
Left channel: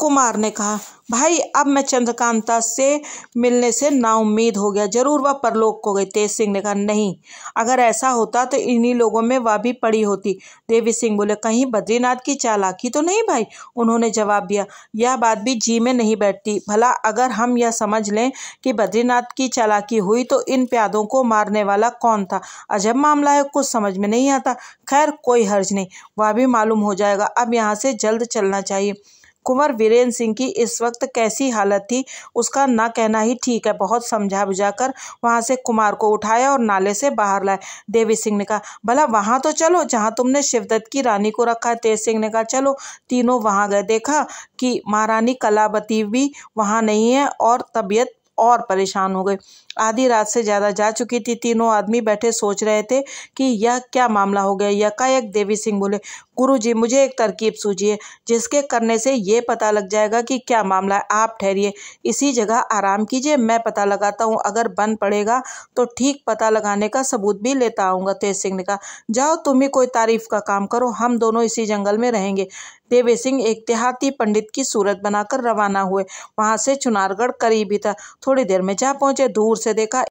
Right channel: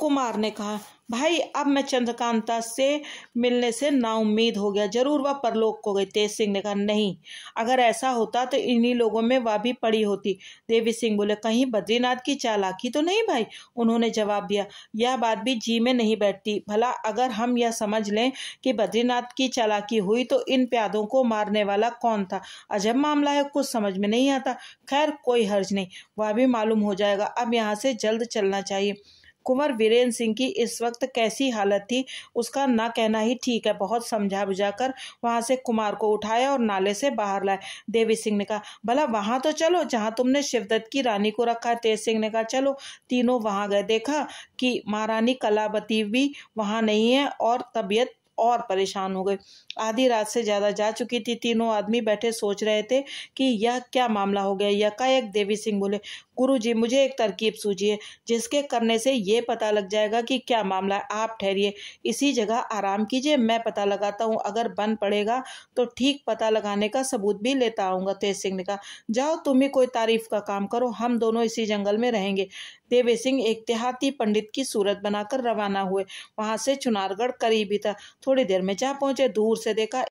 कुमार ने कहा, भाई अब मैं चंद्रकांता से मिलने से नाउम्मीद हो गया, जरूर वह परलोक को गई। तेज सिंह ने कहा, नहीं, अगर ऐसा होता तो इन्हीं लोगों में वह भी पड़ी होती। देवी सिंह बोले, कहीं बद्रीनाथ की चालाकी तो नहीं भाई। उन्होंने जवाब दिया, यह बात भी जी में नहीं बैठती। भला अगर हम यह समझ लें कि बद्रीनाथ की चालाकी हुई तो इन प्यादों को मारने वाला कौन था। अजब मामला है, कुछ समझ में नहीं आता। खैर कोई हर्ज नहीं, वह भी मालूम हो जाएगा। अब यहाँ से जल्द चलना चाहिए। कुंवर वीरेंद्र सिंह की इस वक्त कैसी हालत थी उसका ना कहना ही ठीक है। बहुत समझा बुझाकर वहां से कुमार को उठाया और नाले से बाहर लाए। देवी सिंह ने कहा, भला वहां तो चलो जहां तुमने शिवदत्त की रानी को रखा है। तेज सिंह ने कहा, चलो। तीनों वहां गए। देखा कि महारानी कलावती भी वहां नहीं है और तबीयत और परेशान हो गई। आधी रात से ज्यादा जा चुकी थी। तीनों आदमी बैठे सोच रहे थे कि यह क्या मामला हो गया। यकायक देवी सिंह बोले, गुरुजी मुझे एक तरकीब सूझी है जिसके करने से ये पता लग जाएगा कि क्या मामला है। आप ठहरिए, इसी जगह आराम कीजिए, मैं पता लगाता हूँ। अगर बन पड़ेगा तो ठीक पता लगाने का सबूत भी लेता आऊँगा। तेज सिंह ने कहा, जाओ तुम ही कोई तारीफ का काम करो, हम दोनों इसी जंगल में रहेंगे। देवी सिंह एक देहाती पंडित की सूरत बनाकर रवाना हुए। वहां से चुनारगढ़ करीब ही था। थोड़ी देर में जा पहुंचे। दूर से देखा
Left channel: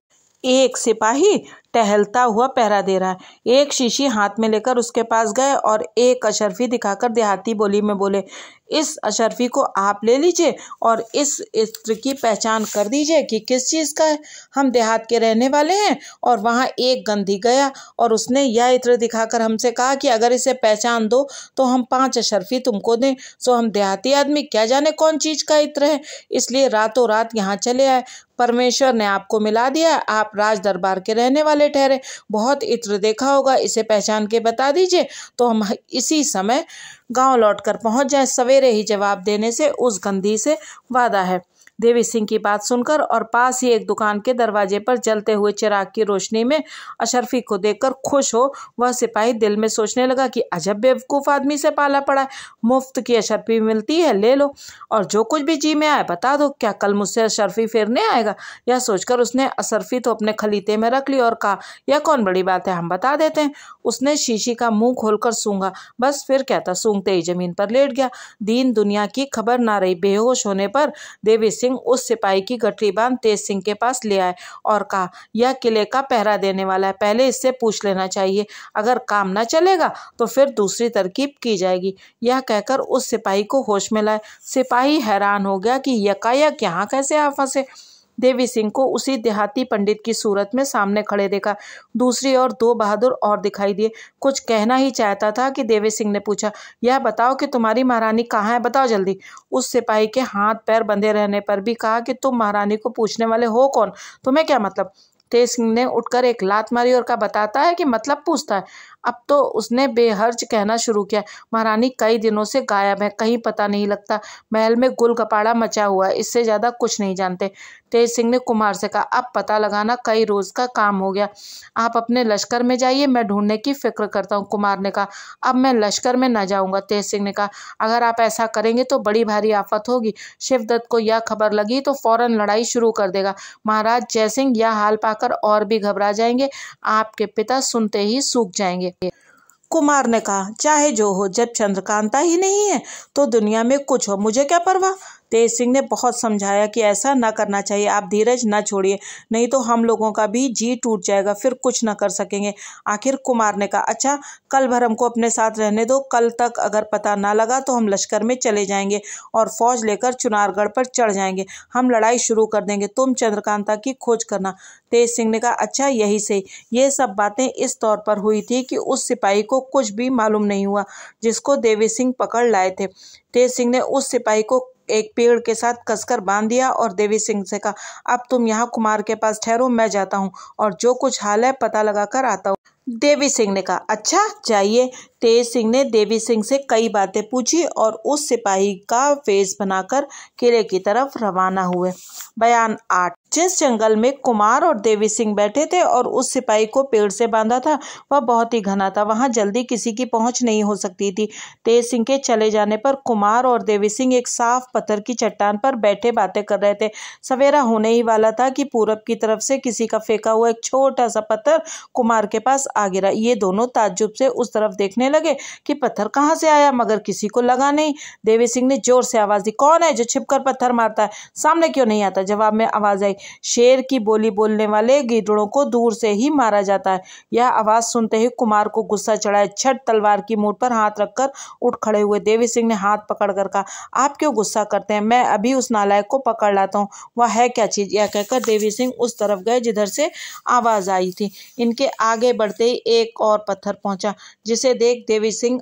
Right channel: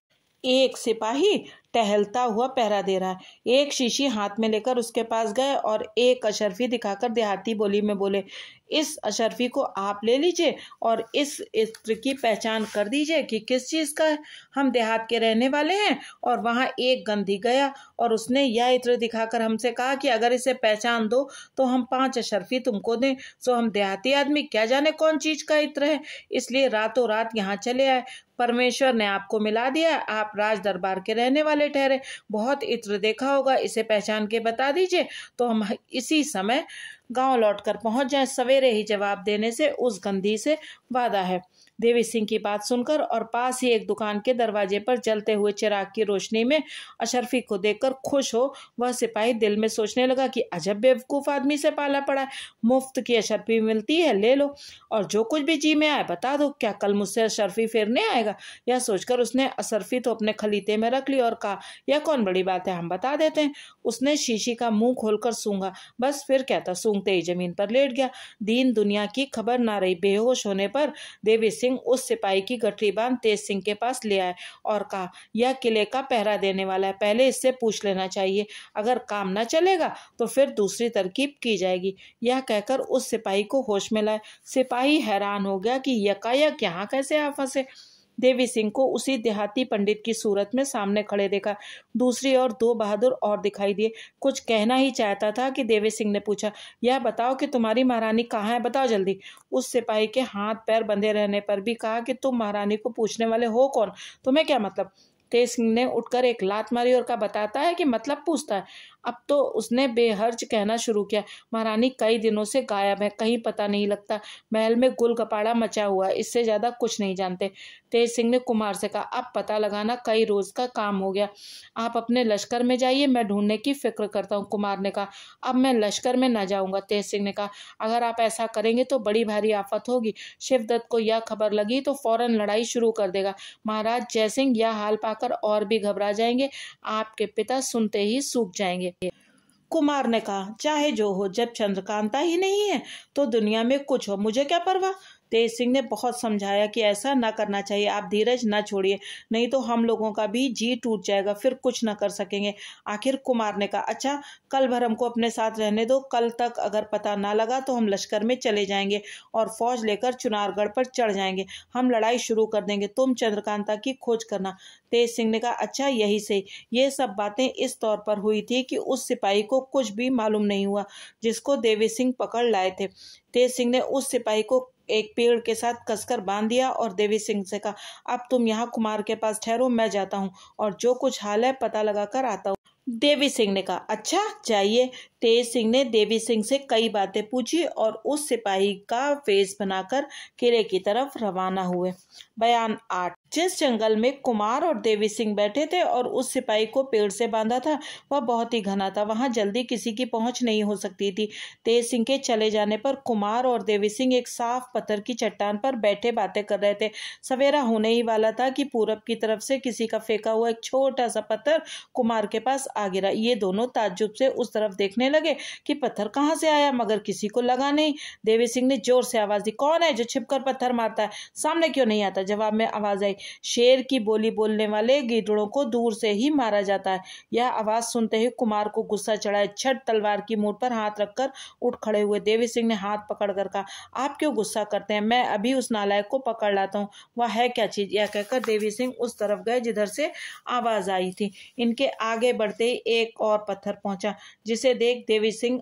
एक सिपाही टहलता हुआ पहरा दे रहा है। एक शीशी हाथ में लेकर उसके पास गए और एक अशर्फी दिखाकर देहाती बोली में बोले, इस अशर्फी को आप ले लीजिए और इस इत्र की पहचान कर दीजिए कि किस चीज़ का है। हम देहात के रहने वाले हैं। और वहाँ एक गंधी गया और उसने यह इत्र दिखाकर हमसे कहा कि अगर इसे पहचान दो तो हम 5 अशर्फी तुमको दें। सो हम देहाती आदमी क्या जाने कौन चीज़ का इत्र है, इसलिए रातों रात यहाँ चले आए। परमेश्वर ने आपको मिला दिया, आप राज दरबार के रहने वाले ठहरे। बहुत इत्र देखा होगा, इसे पहचान के बता दीजिए तो हम इसी समय गांव लौटकर पहुंच जाएं। सवेरे ही जवाब देने से उस गंधी से वादा है। देवी सिंह की बात सुनकर और पास ही एक दुकान के दरवाजे पर जलते हुए चिराग की रोशनी में अशर्फी को देखकर खुश हो वह सिपाही दिल में सोचने लगा कि अजब बेवकूफ़ आदमी से पाला पड़ा है। मुफ्त की अशर्फी मिलती है, ले लो और जो कुछ भी जी में आए बता दो। क्या कल मुझसे अशर्फी फेरने आएगा? यह सोचकर उसने अशर्फी तो अपने खलीते में रख ली और कहा, यह कौन बड़ी बात है, हम बता देते हैं। उसने शीशी का मुंह खोलकर सूंघा, बस फिर क्या था, सूंघते ही जमीन पर लेट गया। दीन दुनिया की खबर ना रही। बेहोश होने पर देवी सिंह उस सिपाही की गठरी बांध तेज सिंह के पास ले आए और कहा, यह किले का पहरा देने वाला है, पहले इससे पूछ लेना चाहिए। अगर काम न चलेगा तो फिर दूसरी तरकीब की जाएगी। यह कहकर उस सिपाही को होश में लाए। सिपाही हैरान हो गया कि यकायक यहाँ कैसे आ फंसे। देवी सिंह को उसी देहाती पंडित की सूरत में सामने खड़े देखा। दूसरी ओर 2 बहादुर और दिखाई दिए। कुछ कहना ही चाहता था कि देवी सिंह ने पूछा, यह बताओ कि तुम्हारी महारानी कहाँ है, बताओ जल्दी। उस सिपाही के हाथ पैर बंधे रहने पर भी कहा कि तुम महारानी को पूछने वाले हो कौन, तुम्हें क्या मतलब। तेज सिंह ने उठकर एक लात मारी और कहा, बताता है कि मतलब पूछता है। अब तो उसने बेहर्ज कहना शुरू किया, महारानी कई दिनों से गायब है, कहीं पता नहीं लगता, महल में गुल गपाड़ा मचा हुआ है, इससे ज़्यादा कुछ नहीं जानते। तेज सिंह ने कुमार से कहा, अब पता लगाना कई रोज़ का काम हो गया, आप अपने लश्कर में जाइए, मैं ढूंढने की फिक्र करता हूँ। कुमार ने कहा, अब मैं लश्कर में न जाऊँगा। तेज सिंह ने कहा, अगर आप ऐसा करेंगे तो बड़ी भारी आफत होगी। शिवदत्त को यह खबर लगी तो फौरन लड़ाई शुरू कर देगा। महाराज जयसिंह यह हाल पाकर और भी घबरा जाएंगे, आपके पिता सुनते ही सूख जाएंगे। कुमार ने कहा, चाहे जो हो, जब चंद्रकांता ही नहीं है तो दुनिया में कुछ हो, मुझे क्या परवाह। तेज सिंह ने बहुत समझाया कि ऐसा ना करना चाहिए, आप धीरज ना छोड़िए, नहीं तो हम लोगों का भी जी टूट जाएगा, फिर कुछ ना कर सकेंगे। आखिर कुमार ने कहा, अच्छा कल भर हमको अपने साथ रहने दो, कल तक अगर पता ना लगा तो हम लश्कर में चले जाएंगे और फौज लेकर चुनारगढ़ पर चढ़ जाएंगे, हम लड़ाई शुरू कर देंगे, तुम चंद्रकांता की खोज करना। तेज सिंह ने कहा, अच्छा यही सही। ये सब बातें इस तौर पर हुई थी कि उस सिपाही को कुछ भी मालूम नहीं हुआ जिसको देवी सिंह पकड़ लाए थे। तेज सिंह ने उस सिपाही को एक पेड़ के साथ कसकर बांध दिया और देवी सिंह से कहा, अब तुम यहाँ कुमार के पास ठहरो, मैं जाता हूँ और जो कुछ हाल है पता लगा कर आता हूँ। देवी सिंह ने कहा, अच्छा जाइए। तेज सिंह ने देवी सिंह से कई बातें पूछी और उस सिपाही का वेश बनाकर किले की तरफ रवाना हुए। बयान 8। जिस जंगल में कुमार और देवी सिंह बैठे थे और उस सिपाही को पेड़ से बांधा था वह बहुत ही घना था, वहां जल्दी किसी की पहुंच नहीं हो सकती थी। तेज सिंह के चले जाने पर कुमार और देवी सिंह एक साफ पत्थर की चट्टान पर बैठे बातें कर रहे थे। सवेरा होने ही वाला था कि पूरब की तरफ से किसी का फेंका हुआ एक छोटा सा पत्थर कुमार के पास आ गिरा। ये दोनों ताज्जुब से उस तरफ देखने लगे कि पत्थर कहाँ से आया, मगर किसी को लगा नहीं। देवी सिंह ने जोर से आवाज दी, कौन है जो छिपकर पत्थर मारता है, सामने क्यों नहीं आता। जवाब में आवाज आई, शेर की बोली बोलने वाले गीदड़ों को दूर से ही मारा जाता है। यह आवाज सुनते ही कुमार को गुस्सा चढ़ा। छठ तलवार की मूठ पर हाथ रखकर उठ खड़े हुए। देवी सिंह ने हाथ पकड़कर कहा, आप क्यों गुस्सा करते हैं, मैं अभी उस नालायक को पकड़ लाता हूँ, वह है क्या चीज। यह कहकर देवी सिंह उस तरफ गए जिधर से आवाज आई थी। इनके आगे बढ़ते ही एक और पत्थर पहुंचा, जिसे देख देवी सिंह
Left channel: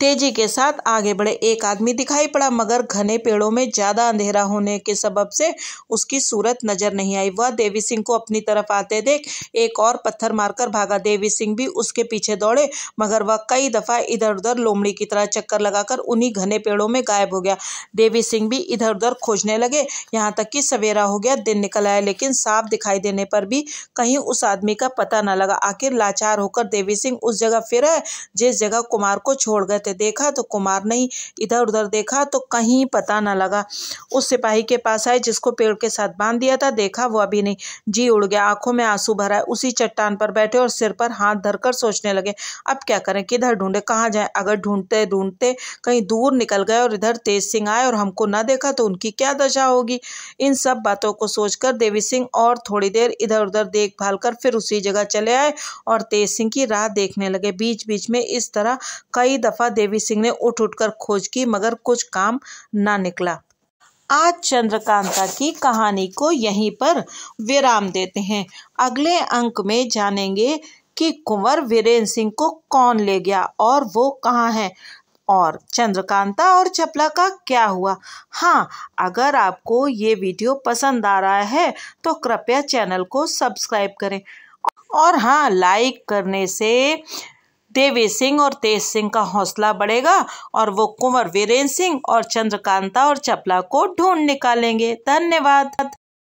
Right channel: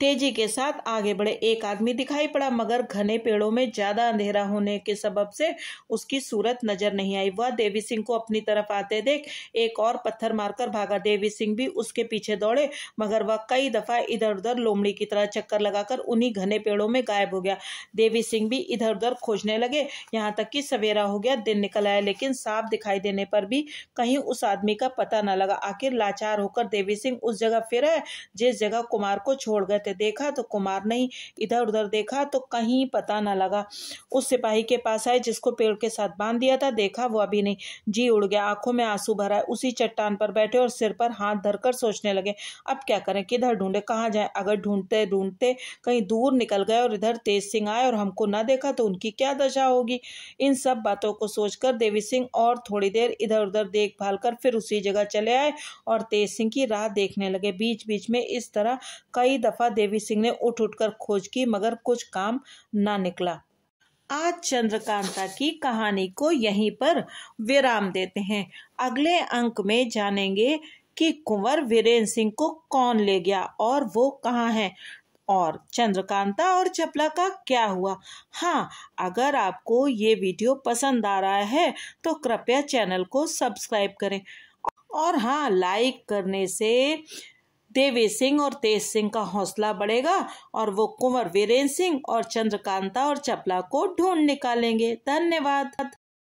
तेजी के साथ आगे बढ़े। एक आदमी दिखाई पड़ा, मगर घने पेड़ों में ज्यादा अंधेरा होने के सबब से उसकी सूरत नजर नहीं आई। वह देवी सिंह को अपनी तरफ आते देख एक और पत्थर मारकर भागा। देवी सिंह भी उसके पीछे दौड़े, मगर वह कई दफा इधर उधर लोमड़ी की तरह चक्कर लगाकर उन्हीं घने पेड़ों में गायब हो गया। देवी सिंह भी इधर उधर खोजने लगे, यहाँ तक कि सवेरा हो गया, दिन निकल आया, लेकिन साफ दिखाई देने पर भी कहीं उस आदमी का पता न लगा। आखिर लाचार होकर देवी सिंह उस जगह फिर आए जिस जगह कुमार को छोड़ गए थे। देखा तो कुमार नहीं, इधर उधर देखा तो कहीं पता न लगा। उस सिपाही के पास आए जिसको पेड़ के साथ बांध दिया था, देखा वह भी नहीं। जी उड़ गया, आंखों में आंसू भरा है। उसी चट्टान पर बैठे और सिर पर हाथ धरकर सोचने लगे, अब क्या करें, किधर ढूंढे, कहाँ जाएं। अगर ढूंढते ढूंढते कहीं दूर निकल गए और इधर तेज सिंह आए और हमको न देखा तो उनकी क्या दशा होगी। इन सब बातों को सोचकर देवी सिंह और थोड़ी देर इधर उधर देखभाल कर फिर उसी जगह चले आए और तेज सिंह की राह देखने लगे। बीच बीच में इस तरह कई दफा देवी सिंह ने उठ उठकर खोज की, मगर कुछ काम ना निकला। आज चंद्रकांता की कहानी को यहीं पर विराम देते हैं। अगले अंक में जानेंगे कि कुंवर वीरेंद्र सिंह को कौन ले गया और वो कहाँ है, और चंद्रकांता और चपला का क्या हुआ। हाँ, अगर आपको ये वीडियो पसंद आ रहा है तो कृपया चैनल को सब्सक्राइब करें, और हाँ, लाइक करने से देवी सिंह और तेज सिंह का हौसला बढ़ेगा और वो कुंवर वीरेंद्र सिंह और चंद्रकांता और चपला को ढूंढ निकालेंगे। धन्यवाद।